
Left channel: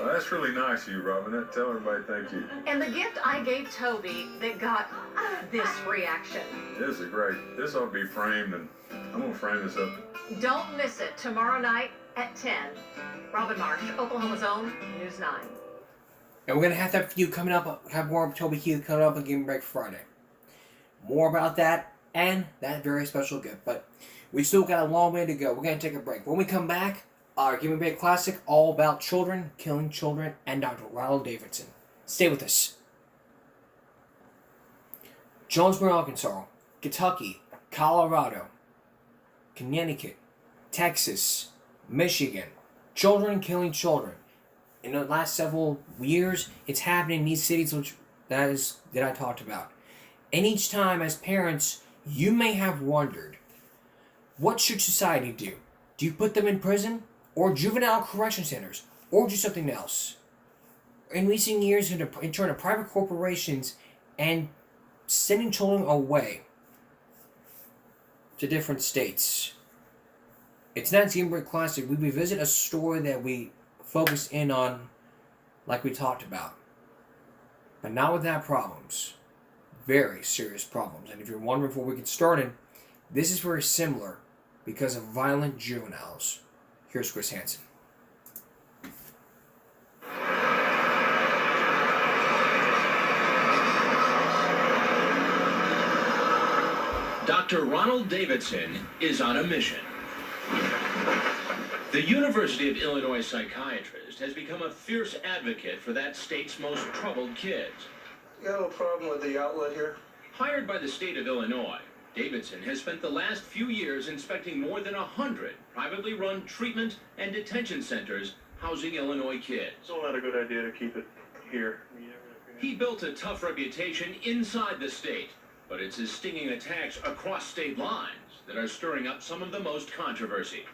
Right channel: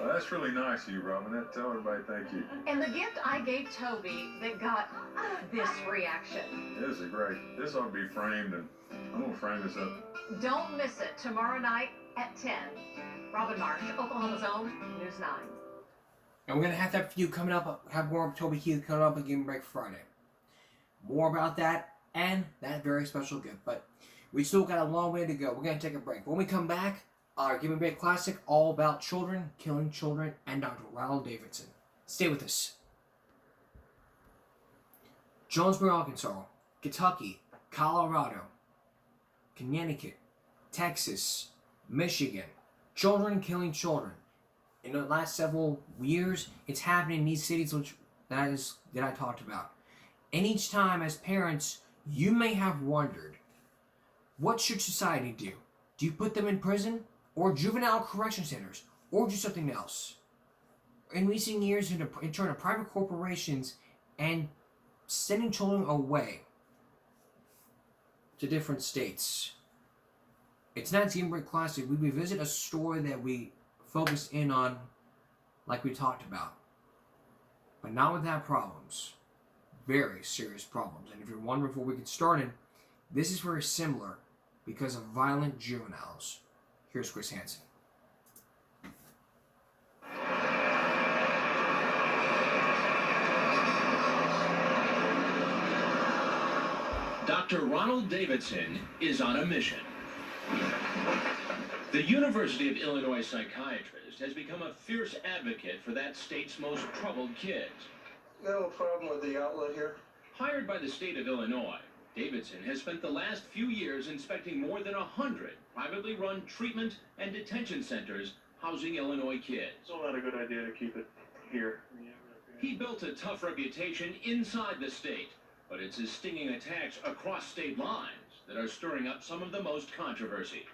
Well, that's really nice of you, Robin. Tell everybody thank you. And the gift I gave Toby that got this reaction. This is great. This ought to be framed, and I'm going to frame this up. Don't miss it tomorrow night at 10. Robin Marsh, Oklahoma's own News 9. And we're going to have that for you coming up. Have more of Toby Keith coming up on Game Break Friday. More about that and that very special gift. But we still got a long way to go. We're going to take a break. When we come back, our Game Break Classic, all about children, killing children, and Dr. Ronald Davidson. Stay with us. Jonesboro, Arkansas, Kentucky, Colorado, Connecticut, Texas, Michigan. Children killing children. In the last several years, it's happening in these cities that I talked about. And each time, as parents, you may have wondered, what should society do? Do you put them in prison, or juvenile correction centers, or do something else? In recent years, in turn to private corporations and sending children away to different states. It's not Game Break Classic. We revisit a story that we focused in on, like we talked about, but not without problems. Very serious problems. And if you're wondering before we get started, this is very similar because of violent juveniles. Here's Chris Hansen. Dr. Ronald Davidson is on a mission. The University of Illinois psychiatrist has become a fierce advocate for that state's most troubled kids. You have a problem with the outlet here? Hired by the state of Illinois, Davidson has spent the last few years inspecting more than 100 privately run treatment and detention centers housing Illinois kids. It's not a good idea to keep it here. He built a tough reputation inside the state, but it's his stinging attacks across state lines that are stirring up some of the most controversy.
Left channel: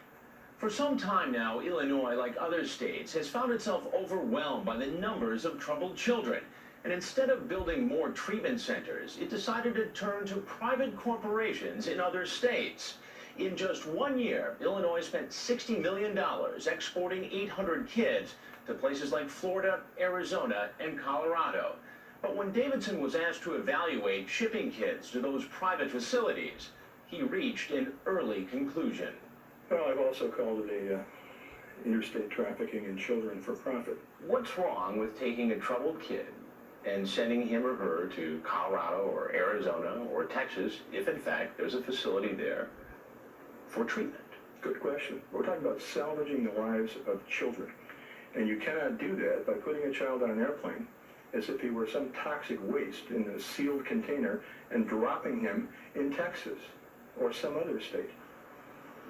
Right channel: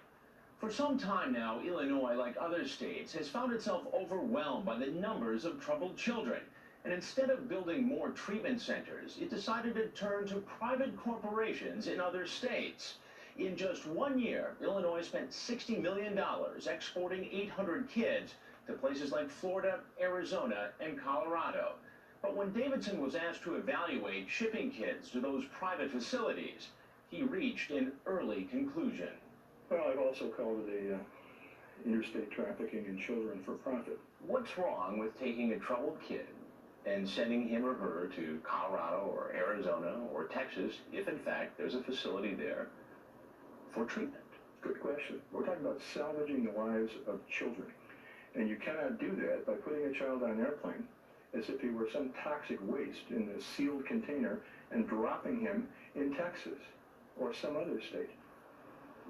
For some time now, Illinois, like other states, has found itself overwhelmed by the numbers of troubled children. And instead of building more treatment centers, it decided to turn to private corporations in other states. In just 1 year, Illinois spent $60 million exporting 800 kids to places like Florida, Arizona, and Colorado. But when Davidson was asked to evaluate shipping kids to those private facilities, he reached an early conclusion. Well, I've also called it interstate trafficking in children for profit. What's wrong with taking a troubled kid and sending him or her to Colorado or Arizona or Texas if, in fact, there's a facility there for treatment? Good question. We're talking about salvaging the lives of children. And you cannot do that by putting a child on an airplane as if he were some toxic waste in a sealed container and dropping him in Texas or some other state.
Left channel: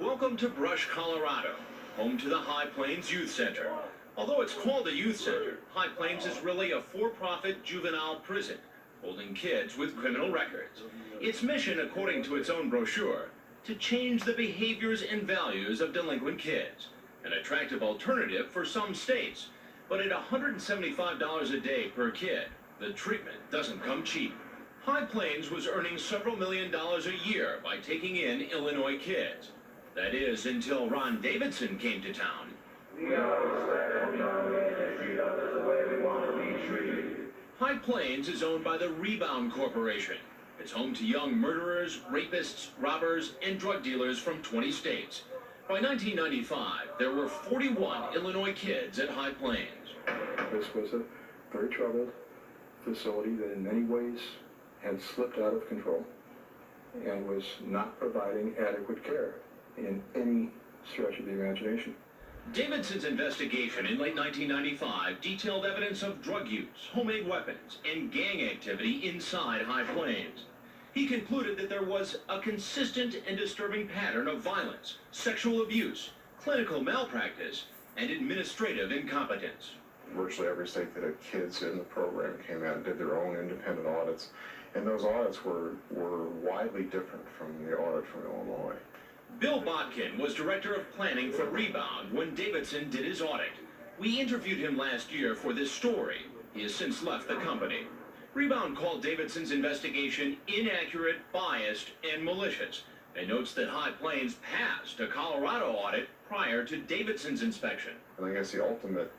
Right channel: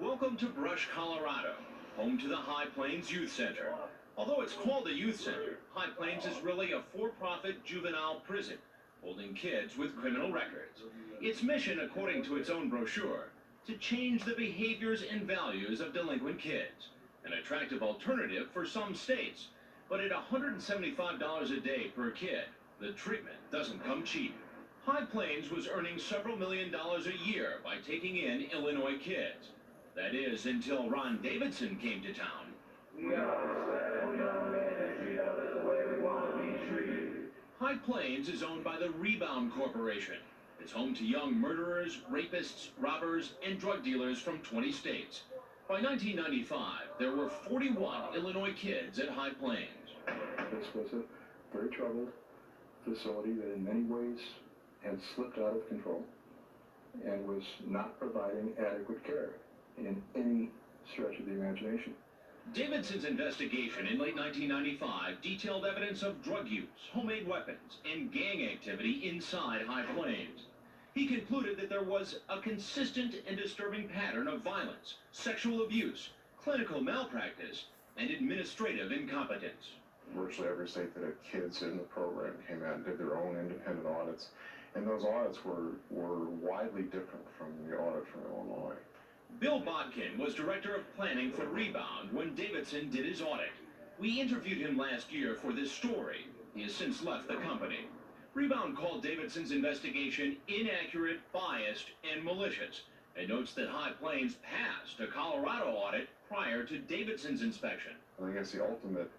Welcome to Brush, Colorado, home to the High Plains Youth Center. Although it's called a youth center, High Plains is really a for-profit juvenile prison, holding kids with criminal records. Its mission, according to its own brochure, to change the behaviors and values of delinquent kids. An attractive alternative for some states. But at $175 a day per kid, the treatment doesn't come cheap. High Plains was earning several $1 million a year by taking in Illinois kids. That is, until Ron Davidson came to town. High Plains is owned by the Rebound Corporation. It's home to young murderers, rapists, robbers, and drug dealers from 20 states. By 1995, there were 41 Illinois kids at High Plains. This was a very troubled facility that in many ways had slipped out of control and was not providing adequate care in any stretch of the imagination. Davidson's investigation in late 1995 detailed evidence of drug use, homemade weapons, and gang activity inside High Plains. He concluded that there was a consistent and disturbing pattern of violence, sexual abuse, clinical malpractice, and administrative incompetence. Virtually every state that had kids in the program came out and did their own independent audits, and those audits were widely different from the audit from Illinois. Bill Bodkin was director of planning for Rebound when Davidson did his audit. We interviewed him last year for this story. He has since left the company. Rebound called Davidson's investigation inaccurate, biased, and malicious, and notes that High Plains passed a Colorado audit prior to Davidson's inspection. And I guess the ultimate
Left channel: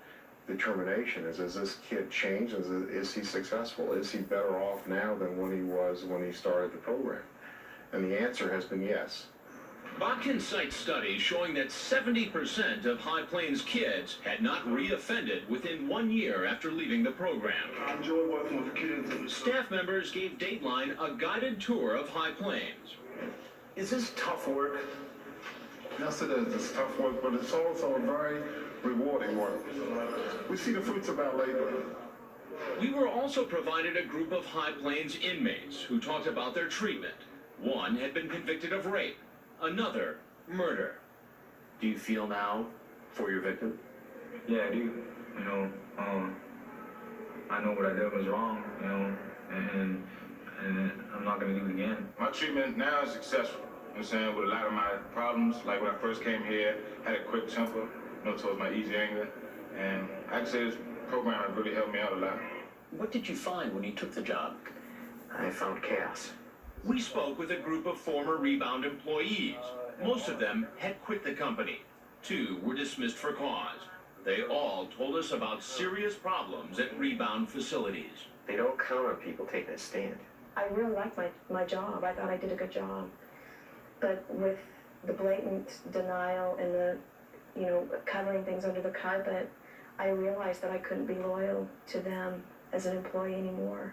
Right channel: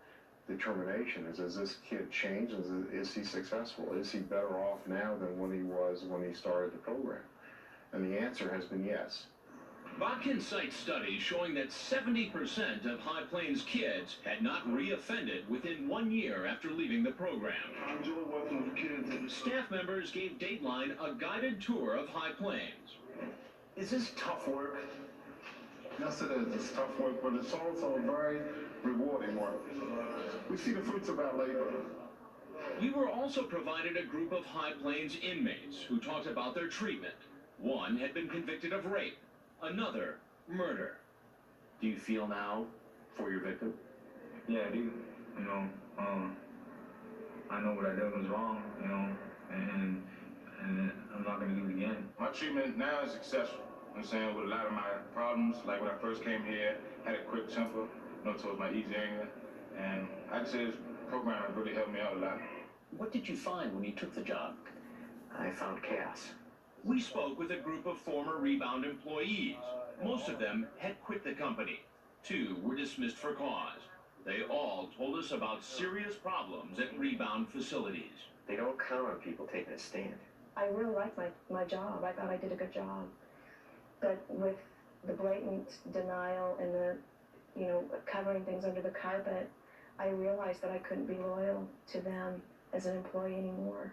determination is this kid changed? Is he successful? Is he better off now than when he was when he started the program? And the answer has been yes. Botkin cites studies showing that 70% of High Plains kids had not re-offended within 1 year after leaving the program. I enjoy working with kids. Staff members gave Dateline a guided tour of High Plains. Is this tough work? Yes, it is. It's tough work, but it's also very rewarding work. We see the fruits of our labor. We were also provided a group of High Plains inmates who talked about their treatment. One had been convicted of rape, another murder. Do you feel now for your victim? Yeah, I do. You know, I know what I did was wrong, you know, and I'm not going to do it again. My treatment now is successful. You know what I'm saying? With a lot of my problems, like when I first came here, had a quick temper, you know, towards my easy anger. And I can say this program has really helped me out a lot. What did you find when you took the job? I found chaos. We spoke with a group of former Rebound employees. Most of them had quit the company. 2 were dismissed for cause. They all told us about serious problems at Rebound facilities. They don't count on people taking a stand. I really liked my job. I thought I did a good job. But with the blatant denial and the, you know, covering things under the carpet, I realized that I couldn't be loyal to them as an employee anymore.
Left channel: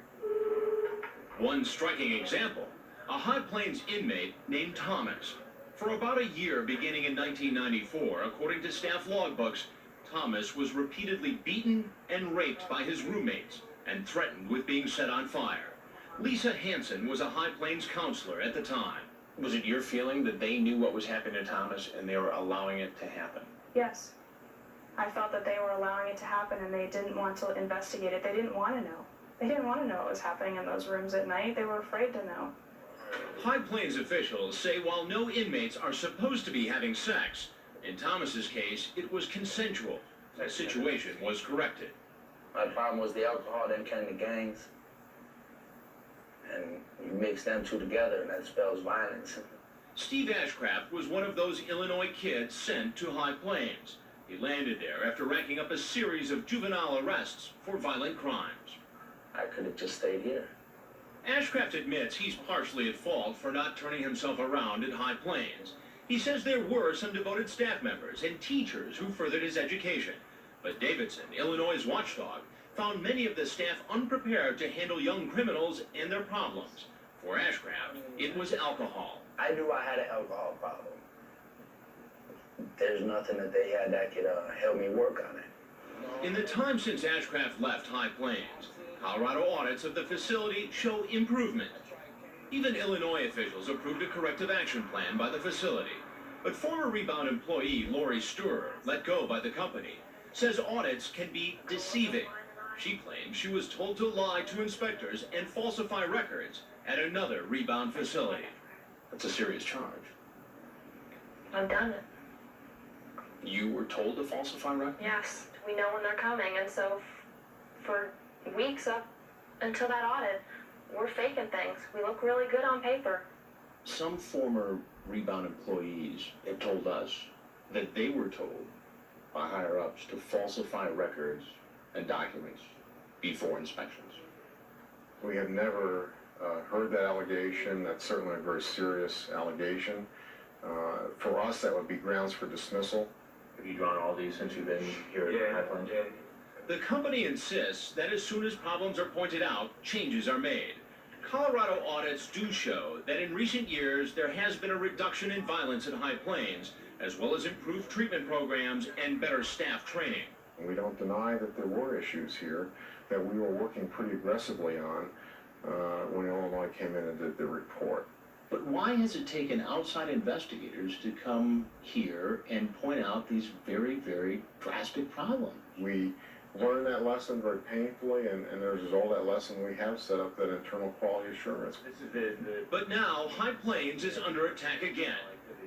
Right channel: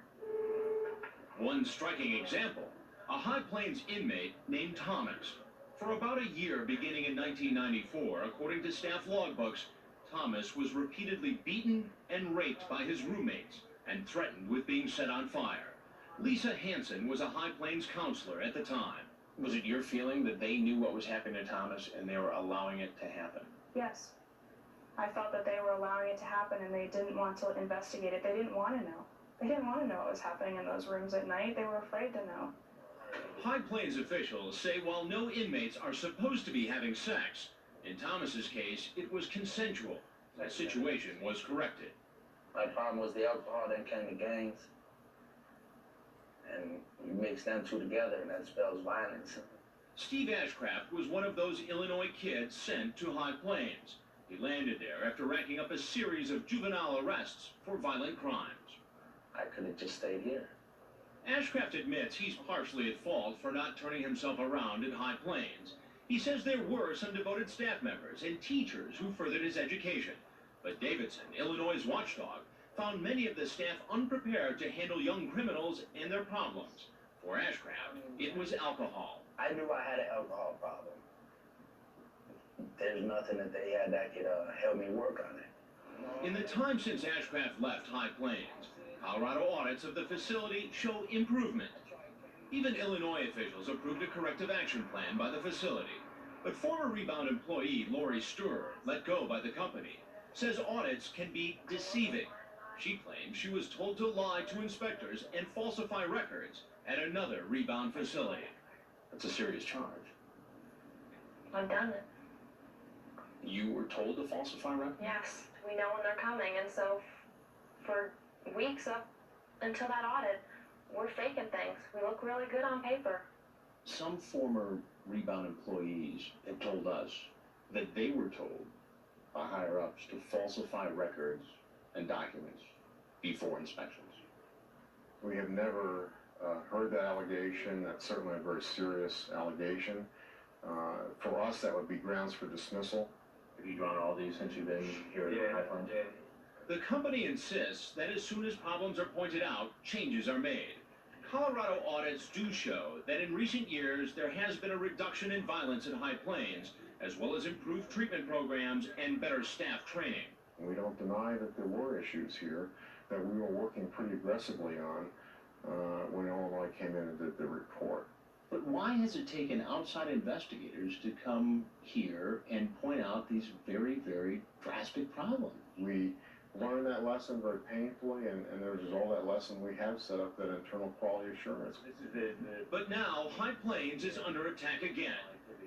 One striking example, a High Plains inmate named Thomas. For about a year beginning in 1994, according to staff logbooks, Thomas was repeatedly beaten and raped by his roommates and threatened with being set on fire. Lisa Hansen was a High Plains counselor at the time. Was it your feeling that they knew what was happening to Thomas and they were allowing it to happen? Yes. I felt that they were allowing it to happen and they didn't want to investigate it. They didn't want to know. They didn't want to know what was happening in those rooms at night. They were afraid to know. High Plains officials say while no inmates are supposed to be having sex, in Thomas's case, it was consensual. The situation was corrected. My problem was the alcohol then came to gangs. And you mix them two together and that spells violence. Steve Ashcraft was one of those Illinois kids sent to High Plains. He landed there after racking up a series of juvenile arrests for violent crimes. I could have just stayed here. Ashcraft admits he's partially at fault for not turning himself around at High Plains. He says there were some devoted staff members and teachers who furthered his education. But Davidson, Illinois' watchdog, found many of the staff unprepared to handle young criminals and their problems. For Ashcraft, it was alcohol. I knew I had an alcohol problem. There's nothing that they had that could help me work on it. In the time since Ashcraft left High Plains, Colorado audits of the facility show improvement. Even Illinois officials approved a corrective action plan by the facility. But former Rebound employee Lori Sturer, let go by the company, says audits can be deceiving. She claims she was told to lie to inspectors and falsify records at another Rebound facility. That's a serious charge. I've done it. You were told to falsify records? Yes, we know when they're coming, and so for weeks up until that audit, we're faking things. We look really good on paper. Some former Rebound employees have told us that they were told by higher-ups to falsify records and documents before inspections. We have never heard that allegation. That's certainly a very serious allegation. For us, that would be grounds for dismissal. Have you drawn all these since you've been here at High Plains? The company insists that as soon as problems are pointed out, changes are made. Colorado audits do show that in recent years there has been a reduction in violence at High Plains, as well as improved treatment programs and better staff training. We don't deny that there were issues here that we were working pretty aggressively on when Illinois came in and did the report. But why has it taken outside investigators to come here and point out these very, very drastic problems? We learned that lesson very painfully, and as a result of that lesson, we have set up that internal quality assurance. But now, High Plains is under attack again.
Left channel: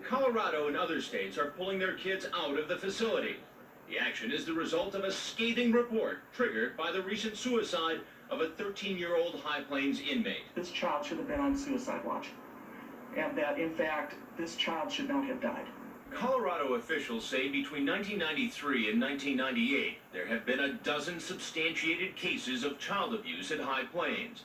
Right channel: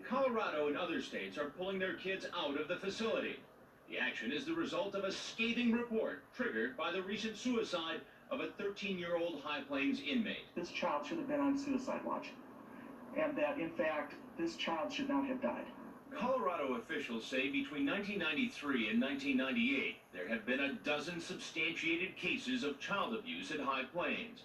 Colorado and other states are pulling their kids out of the facility. The action is the result of a scathing report triggered by the recent suicide of a 13-year-old High Plains inmate. This child should have been on suicide watch, and that, in fact, this child should not have died. Colorado officials say between 1993 and 1998, there have been a dozen substantiated cases of child abuse at High Plains.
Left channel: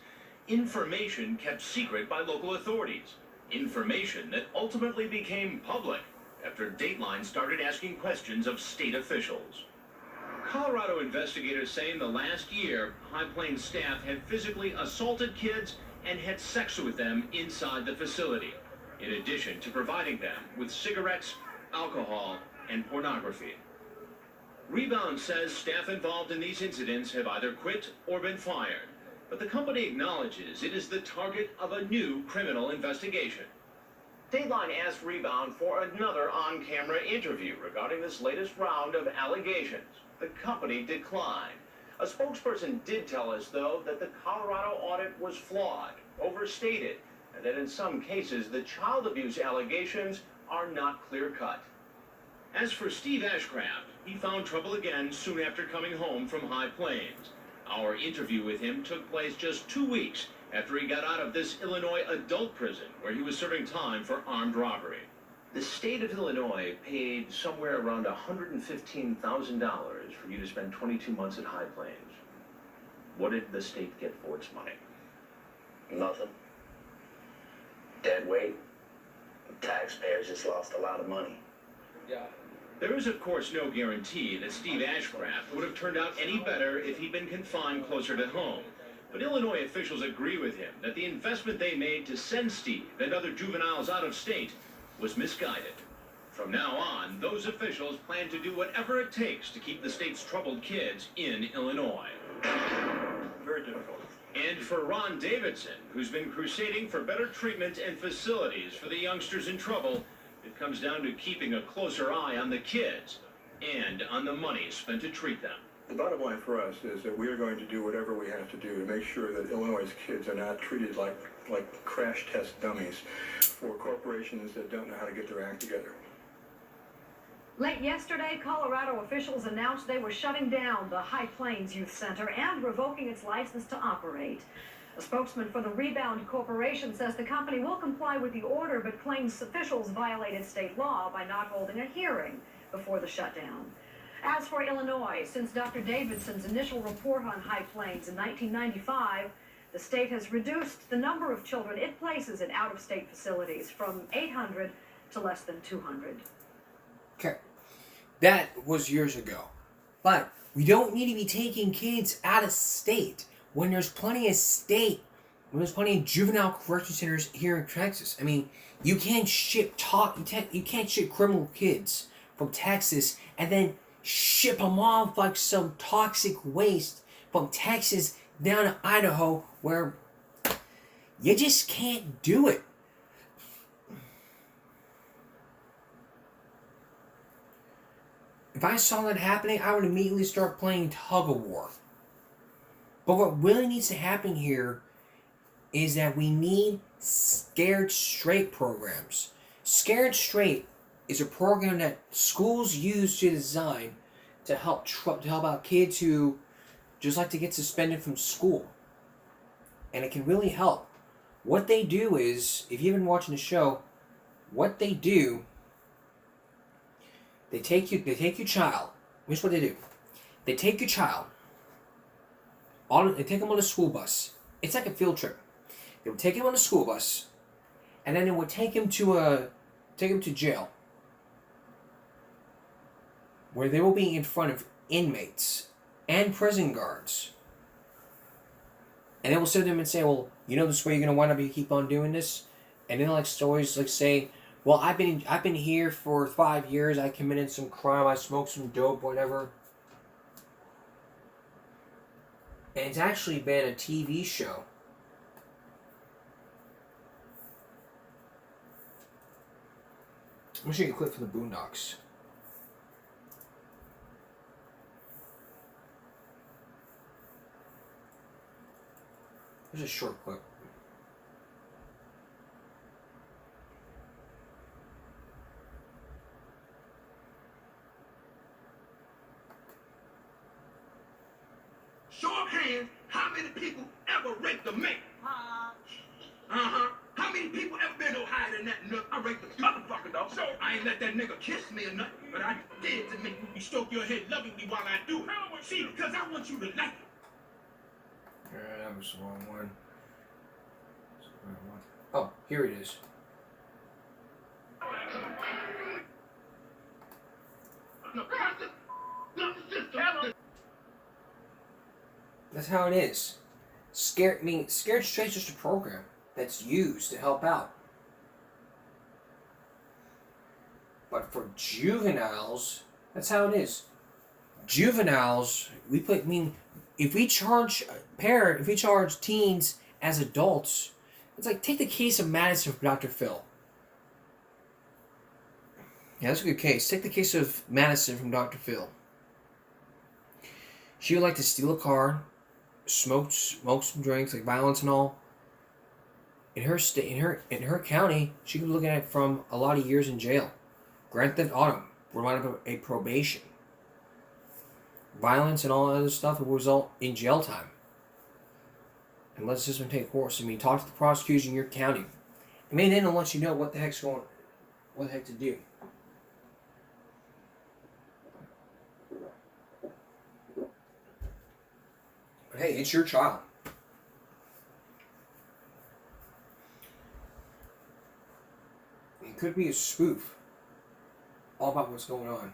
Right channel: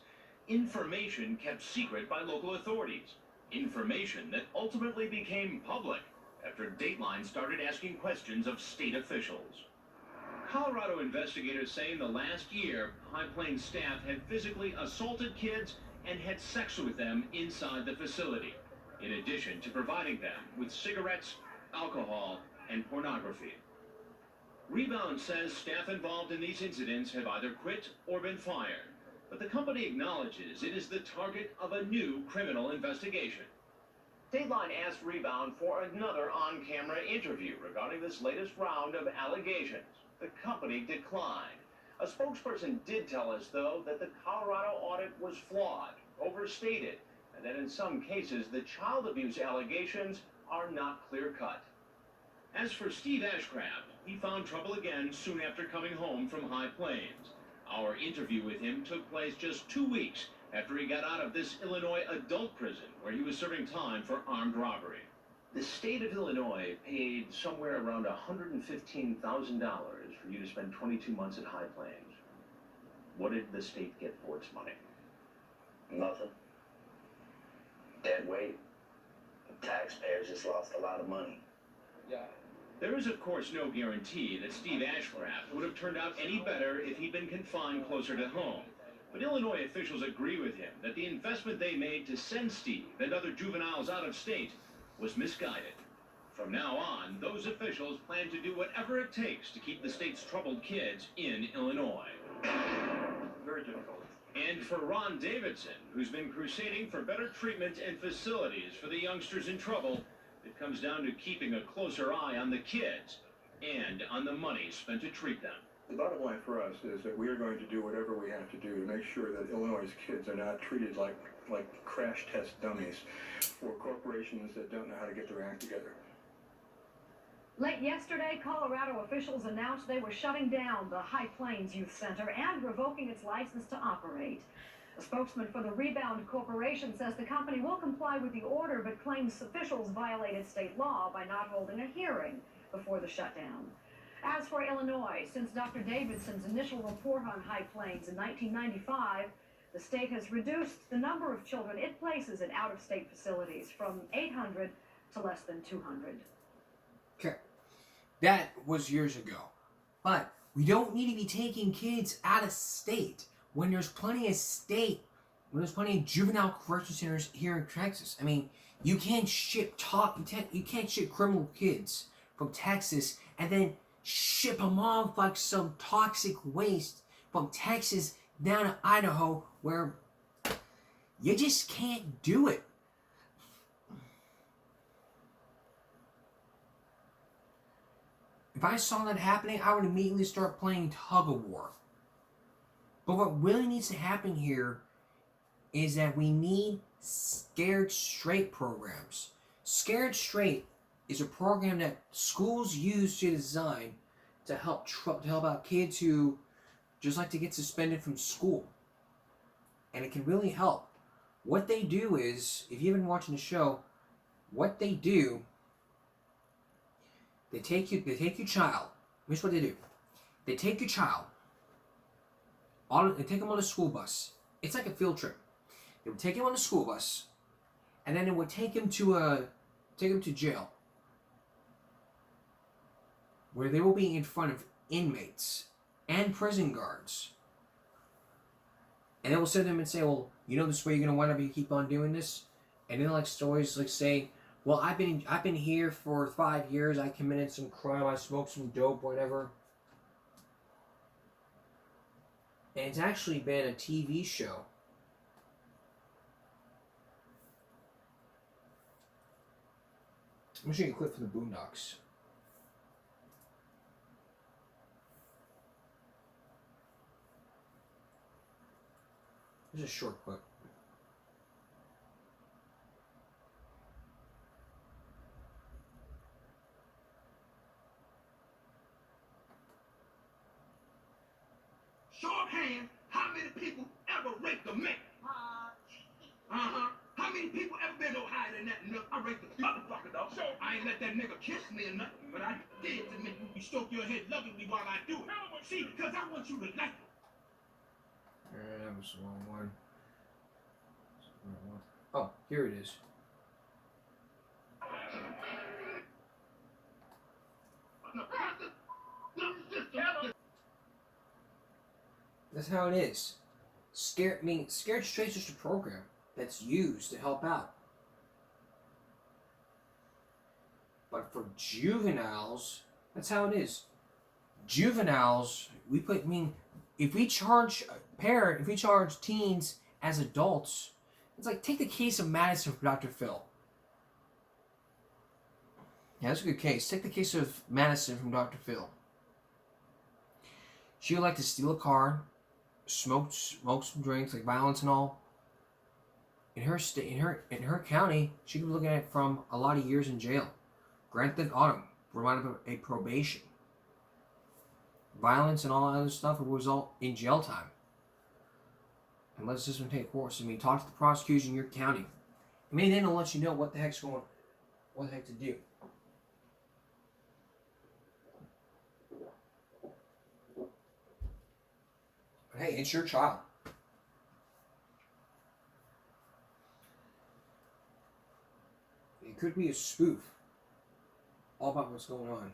Information kept secret by local authorities. Information that ultimately became public after Dateline started asking questions of state officials. Colorado investigators say in the last year, High Plains staff had physically assaulted kids and had sex with them inside the facility, in addition to providing them with cigarettes, alcohol, and pornography. Rebound says staff involved in these incidents have either quit or been fired, but the company acknowledges it is the target of a new criminal investigation. Dateline asked Rebound for another on-camera interview regarding this latest round of allegations. The company declined. A spokesperson did tell us, though, that the Colorado audit was flawed, overstated, and that in some cases the child abuse allegations are not clear-cut. As for Steve Ashcraft, he found trouble again soon after coming home from High Plains. Our interview with him took place just 2 weeks after he got out of this Illinois adult prison where he was serving time for armed robbery. The state of Illinois paid somewhere around $115,000 for you to spend 22 months at High Plains. What did the state get for its money? Nothing. Dead weight. The taxpayers just lost a lot of money. There is, of course, no guarantee that Steve Ashcraft would have turned out any better if he'd been confined closer to home. But Illinois officials agree with him that the investment they made to send Steve and other juveniles out of state was misguided. From now on, those officials plan to do whatever it takes to keep the state's troubled kids in Illinois. Very difficult. And for Ron Davidson, who's been crusading for better treatment and facilities for the youngsters in trouble, it comes down to keeping a closer eye on the kids and on the money spent to treat them. The bottom line for us is that we are going to do whatever we have to do to make sure that Illinois' kids are not treated like crash test dummies for corporations that don't know how to get their act together. Late yesterday, Colorado officials announced they were shutting down the High Plains Youth Center and revoking its license to operate. A spokesman for the Rebound Corporation says the company will comply with the order, but claims officials violated state law by not holding a hearing before the shutdown. As for Illinois, since Dr. Davidson's initial report on High Plains in 1995, the state has reduced the number of children it places in out-of-state facilities from 800 to less than 200. Okay, that was years ago. But we don't need to be taking kids out of state when there's plenty of juvenile correction centers here in Texas. I mean, you can't ship criminal kids from Texas and then ship them off like some toxic waste from Texas down to Idaho, where you just can't do it. If I saw that happening, I would immediately start playing tug of war. But what really needs to happen here is that we need Scared Straight programs. Scared Straight is a program that schools use to design to help out kids who just like to get suspended from school. And it can really help. What they do is, if you've been watching the show, what they do, they take your child. Here's what they do. They take your child. They take them on a school bus. It's like a field trip. They would take him on a school bus, and then they would take him to jail, where they will be in front of inmates and prison guards. And they will sit them and say, well, you know this way you're gonna wind up if you keep on doing this? And then like stories like say, well, I've been here for 5 years, I committed some crime, I smoked some dope, whatever. And it's actually been a TV show. I'm gonna show you a clip from the Boondocks. Here's a short clip. hands, how many people ever raped a man? Uh-huh. How many people ever been no higher than that nut? I raped the motherfucker, dog. So I ain't let that nigga kiss me or nothing, but I did to make you stroke your head lovingly while I do it. See, because I want you to like it. That was the wrong one. Oh, here it is. That's how it is. Scared Straight's just a program that's used to help out. But for juveniles, that's how it is. Juveniles, if we charge teens as adults, it's like, take the case of Madison from Dr. Phil. Yeah, that's a good case. Take the case of Madison from Dr. Phil. She would like to steal a car, smoke some drinks, like violence and all. In her county, she could be looking at from a lot of years in jail. Grand theft auto would wind up a probation. Violence and all that other stuff will result in jail time. And let the system take course. I mean, talk to the prosecutors in your county. I mean, then it'll let you know what the heck to do. But hey, it's your child. It could be a spoof. All about what's going on.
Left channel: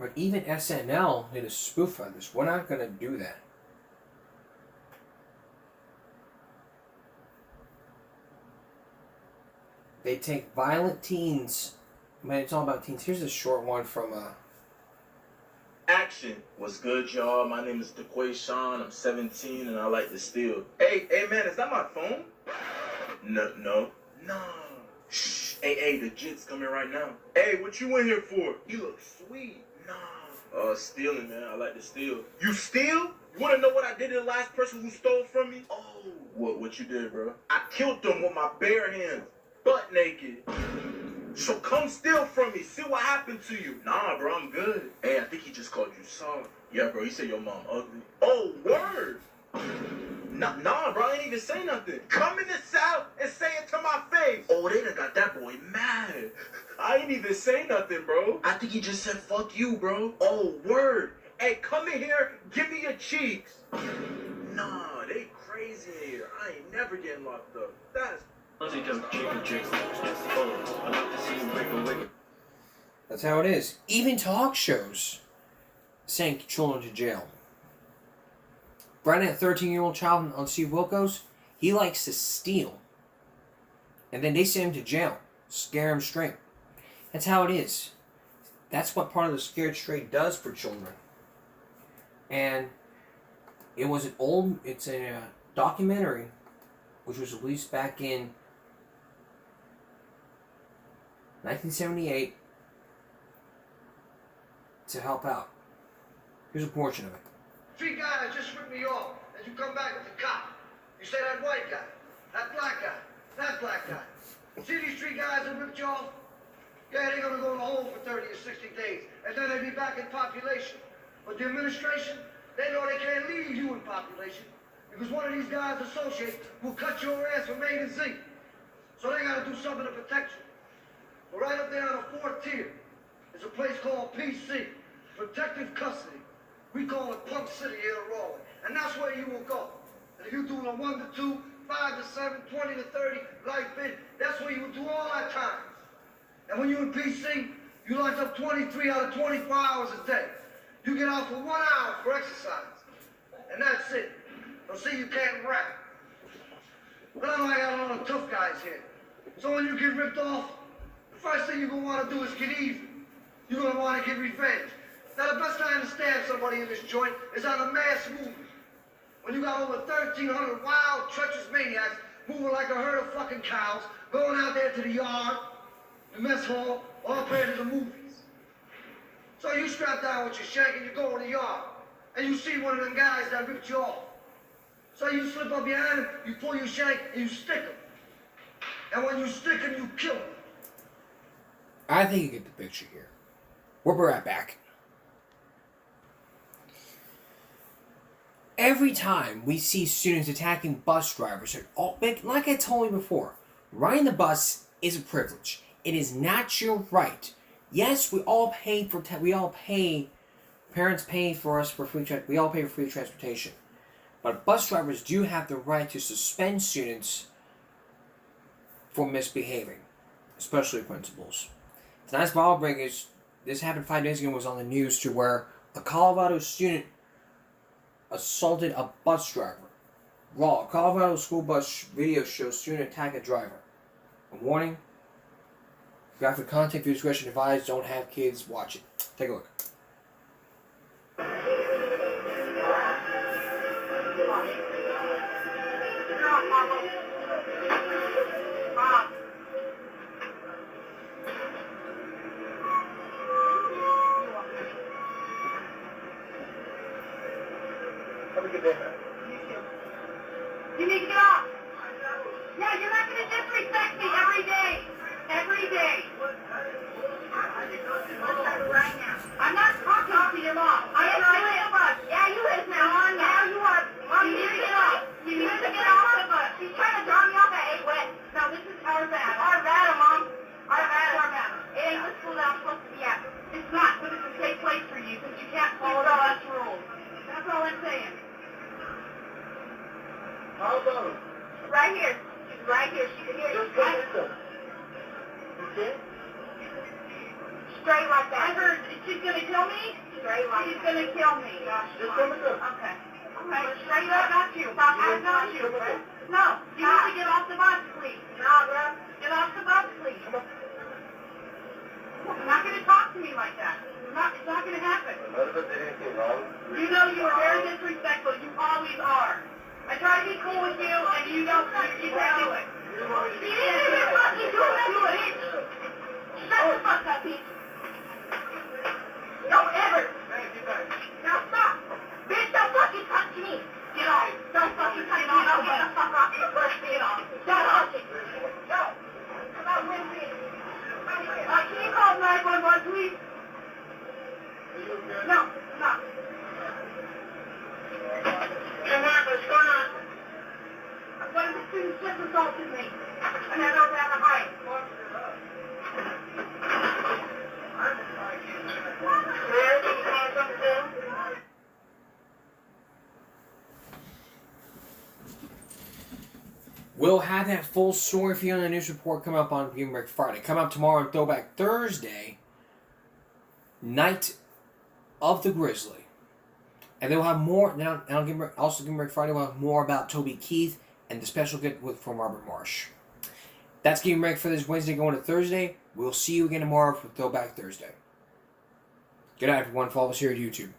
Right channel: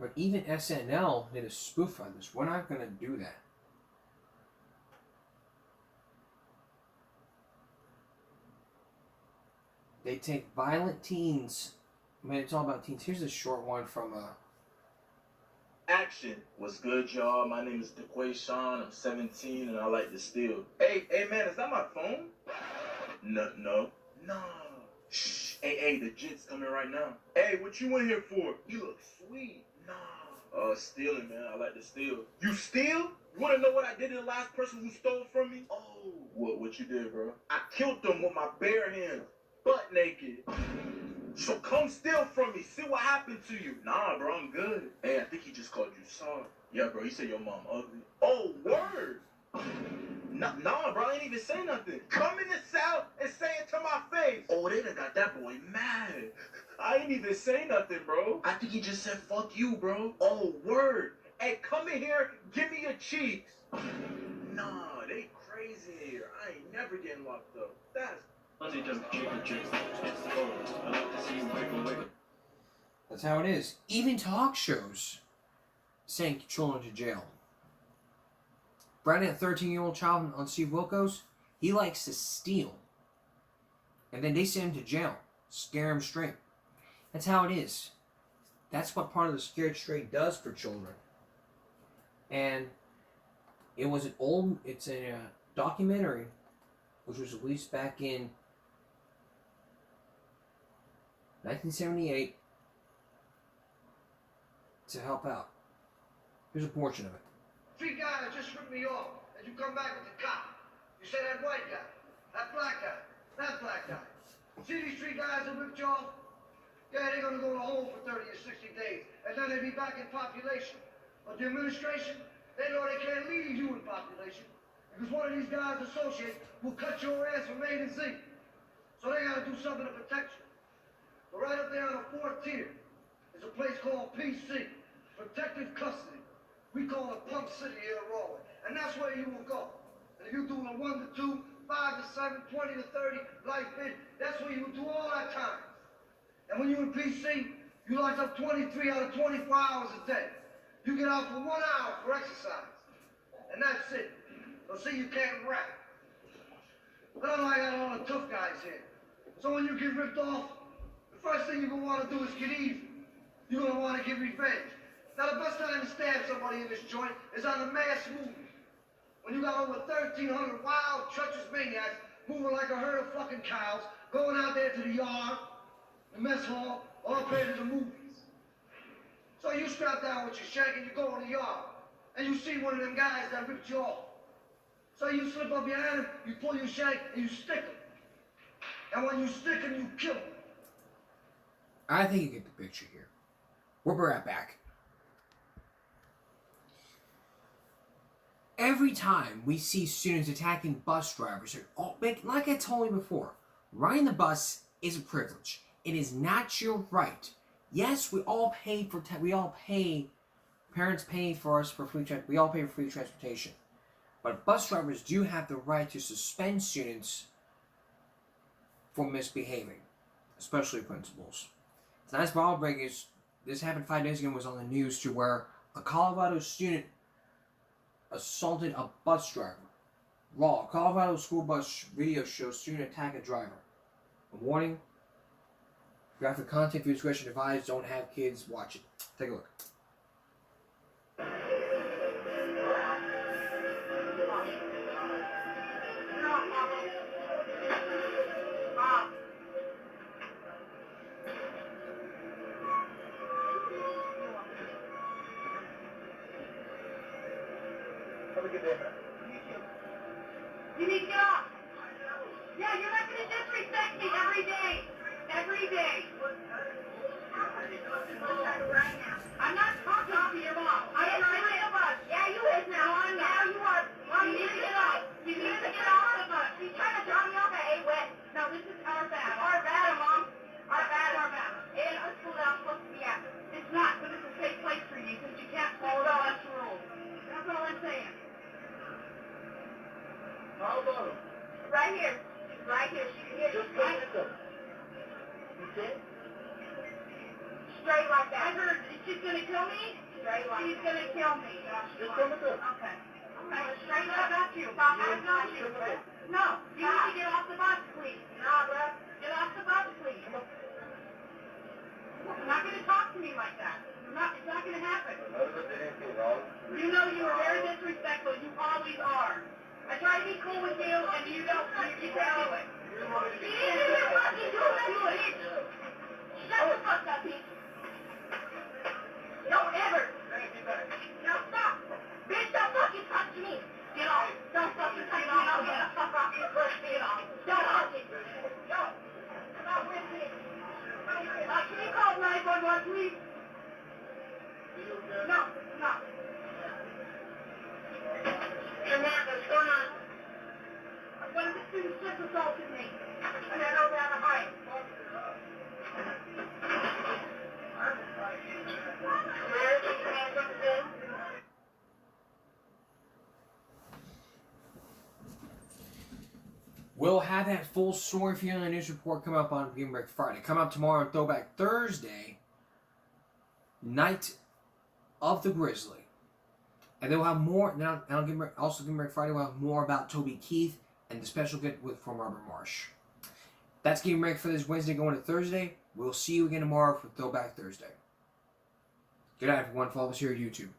But even SNL did a spoof on this. We're not going to do that. They take violent teens. Man, it's all about teens. Here's a short one from Action. What's good, y'all? My name is Sean. I'm 17 and I like to steal. Hey, man, is that my phone? No. Shh. Hey, the jit's coming right now. Hey, what you in here for? You look sweet. Stealing, man. I like to steal. You steal? You wanna know what I did to the last person who stole from me? Oh. What you did, bro? I killed them with my bare hands, butt naked. So come steal from me. See what happened to you. Nah, bro, I'm good. Hey, I think he just called you soft. Yeah, bro, he said your mom ugly. Oh, word. Nah, bro, I ain't even say nothing. Come in the South and say it to my face. Oh, they done got that boy mad. I ain't even say nothing, bro. I think he just said fuck you, bro. Oh, word. Hey, come in here, give me your cheeks. Nah, they crazy in here. I ain't never getting locked up. That's how it is. Even talk shows send children to jail. Brandon, a 13-year-old child on Steve Wilkos, he likes to steal. And then they send him to jail. Scare him straight. That's how it is. That's what part of the Scared Straight does for children. And it's a documentary which was released back in 1978 to help out. Here's a portion of it. 3 guys just ripped me off, and you come back with the cop. You say that white guy, that black guy, that black guy. See these 3 guys that ripped you off? Yeah, they're gonna go to hole for 30 or 60 days, and then they'll be back in population. But the administration, they know they can't leave you in population, because one of these guys associates will cut your ass from A to Z. So they gotta do something to protect you. But right up there on the 4th tier is a place called PC, Protective Custody. We call it Pump City here in Raleigh. And that's where you will go. And if you're doing a 1 to 2, 5 to 7, 20 to 30, life bid, that's where you will do all our time. And when you're in PC, you lock up 23 out of 24 hours a day. You get out for 1 hour for exercise. And that's it. So see, you can't rap. But I know I got a lot of tough guys here. So when you get ripped off, the first thing you're going to want to do is get even. You're going to want to get revenge. Now, the best time to stab somebody in this joint is on a mass movement. When you got over 1,300 wild, treacherous maniacs moving like a herd of fucking cows, going out there to the yard, the mess hall, all playing to the movies. So you strap down with your shank and you go in the yard, and you see one of them guys that ripped you off. So you slip up behind him, you pull your shank, and you stick him. And when you stick him, you kill him. I think you get the picture here. We'll be right back. Every time we see students attacking bus drivers, like I told you before, riding the bus is a privilege. It is not your right. Yes, we all pay for. Parents pay for us for free. We all pay for free transportation, but bus drivers do have the right to suspend students for misbehaving, especially principals. Tonight's ball break is this happened 5 days ago. Was on the news to where a Colorado student assaulted a bus driver. Raw. Colorado school bus video shows student attack a driver. A warning. Graphic content for discretion advised. Don't have kids watch it. Take a look. You need to get off. Yeah, you're not going to disrespect me every day. Every day. I'm not talking to your mom. I'm driving the bus. Yeah, you is now. Now you are. Mom, you need to get off. You need to get off the bus. She's trying to drop me off at 8 West. No, this is our battle. Our battle, Mom. Our battle. Our battle. It ain't the school that I'm supposed to be at. It's not, but it's a safe place for you because you can't follow the bus rules. That's all I'm saying. How about him? Right here. She's right here. She's here. Just come with them. Okay? Straight like that. I heard she's gonna kill me? Straight like she's gonna kill me. Just come with them. Okay. Okay. Straight up. Not you. I got you. No. You need to get off the bus, please. No, bro. Get off the bus, please. You're not gonna talk to me like that. It's not gonna happen. You know you are very disrespectful. You always are. I try to be cool with you, and you don't. You can't do it. You didn't even fucking do it. Shut the fuck up, bitch. Don't ever. Now stop. Bitch, don't fucking touch me. Get off. Don't fucking touch me. I'll get the fuck off your first. Get off. Don't touch it. No. Come on with me. Can you call 911, please? No. No. Come on, what's going on? One of the students just assaulted me. And I don't have a height. Mary, did you have something to do? We'll have that full story for you on the news report come up on Game Break Friday. Come up tomorrow on Throwback Thursday, night of the Grizzly. And they'll have more. Now, Game Break Friday will have more about Toby Keith and the special get from Robert Marsh. That's Game Break for this Wednesday going to Thursday. We'll see you again tomorrow for Throwback Thursday. Good night, everyone. Follow us here at YouTube.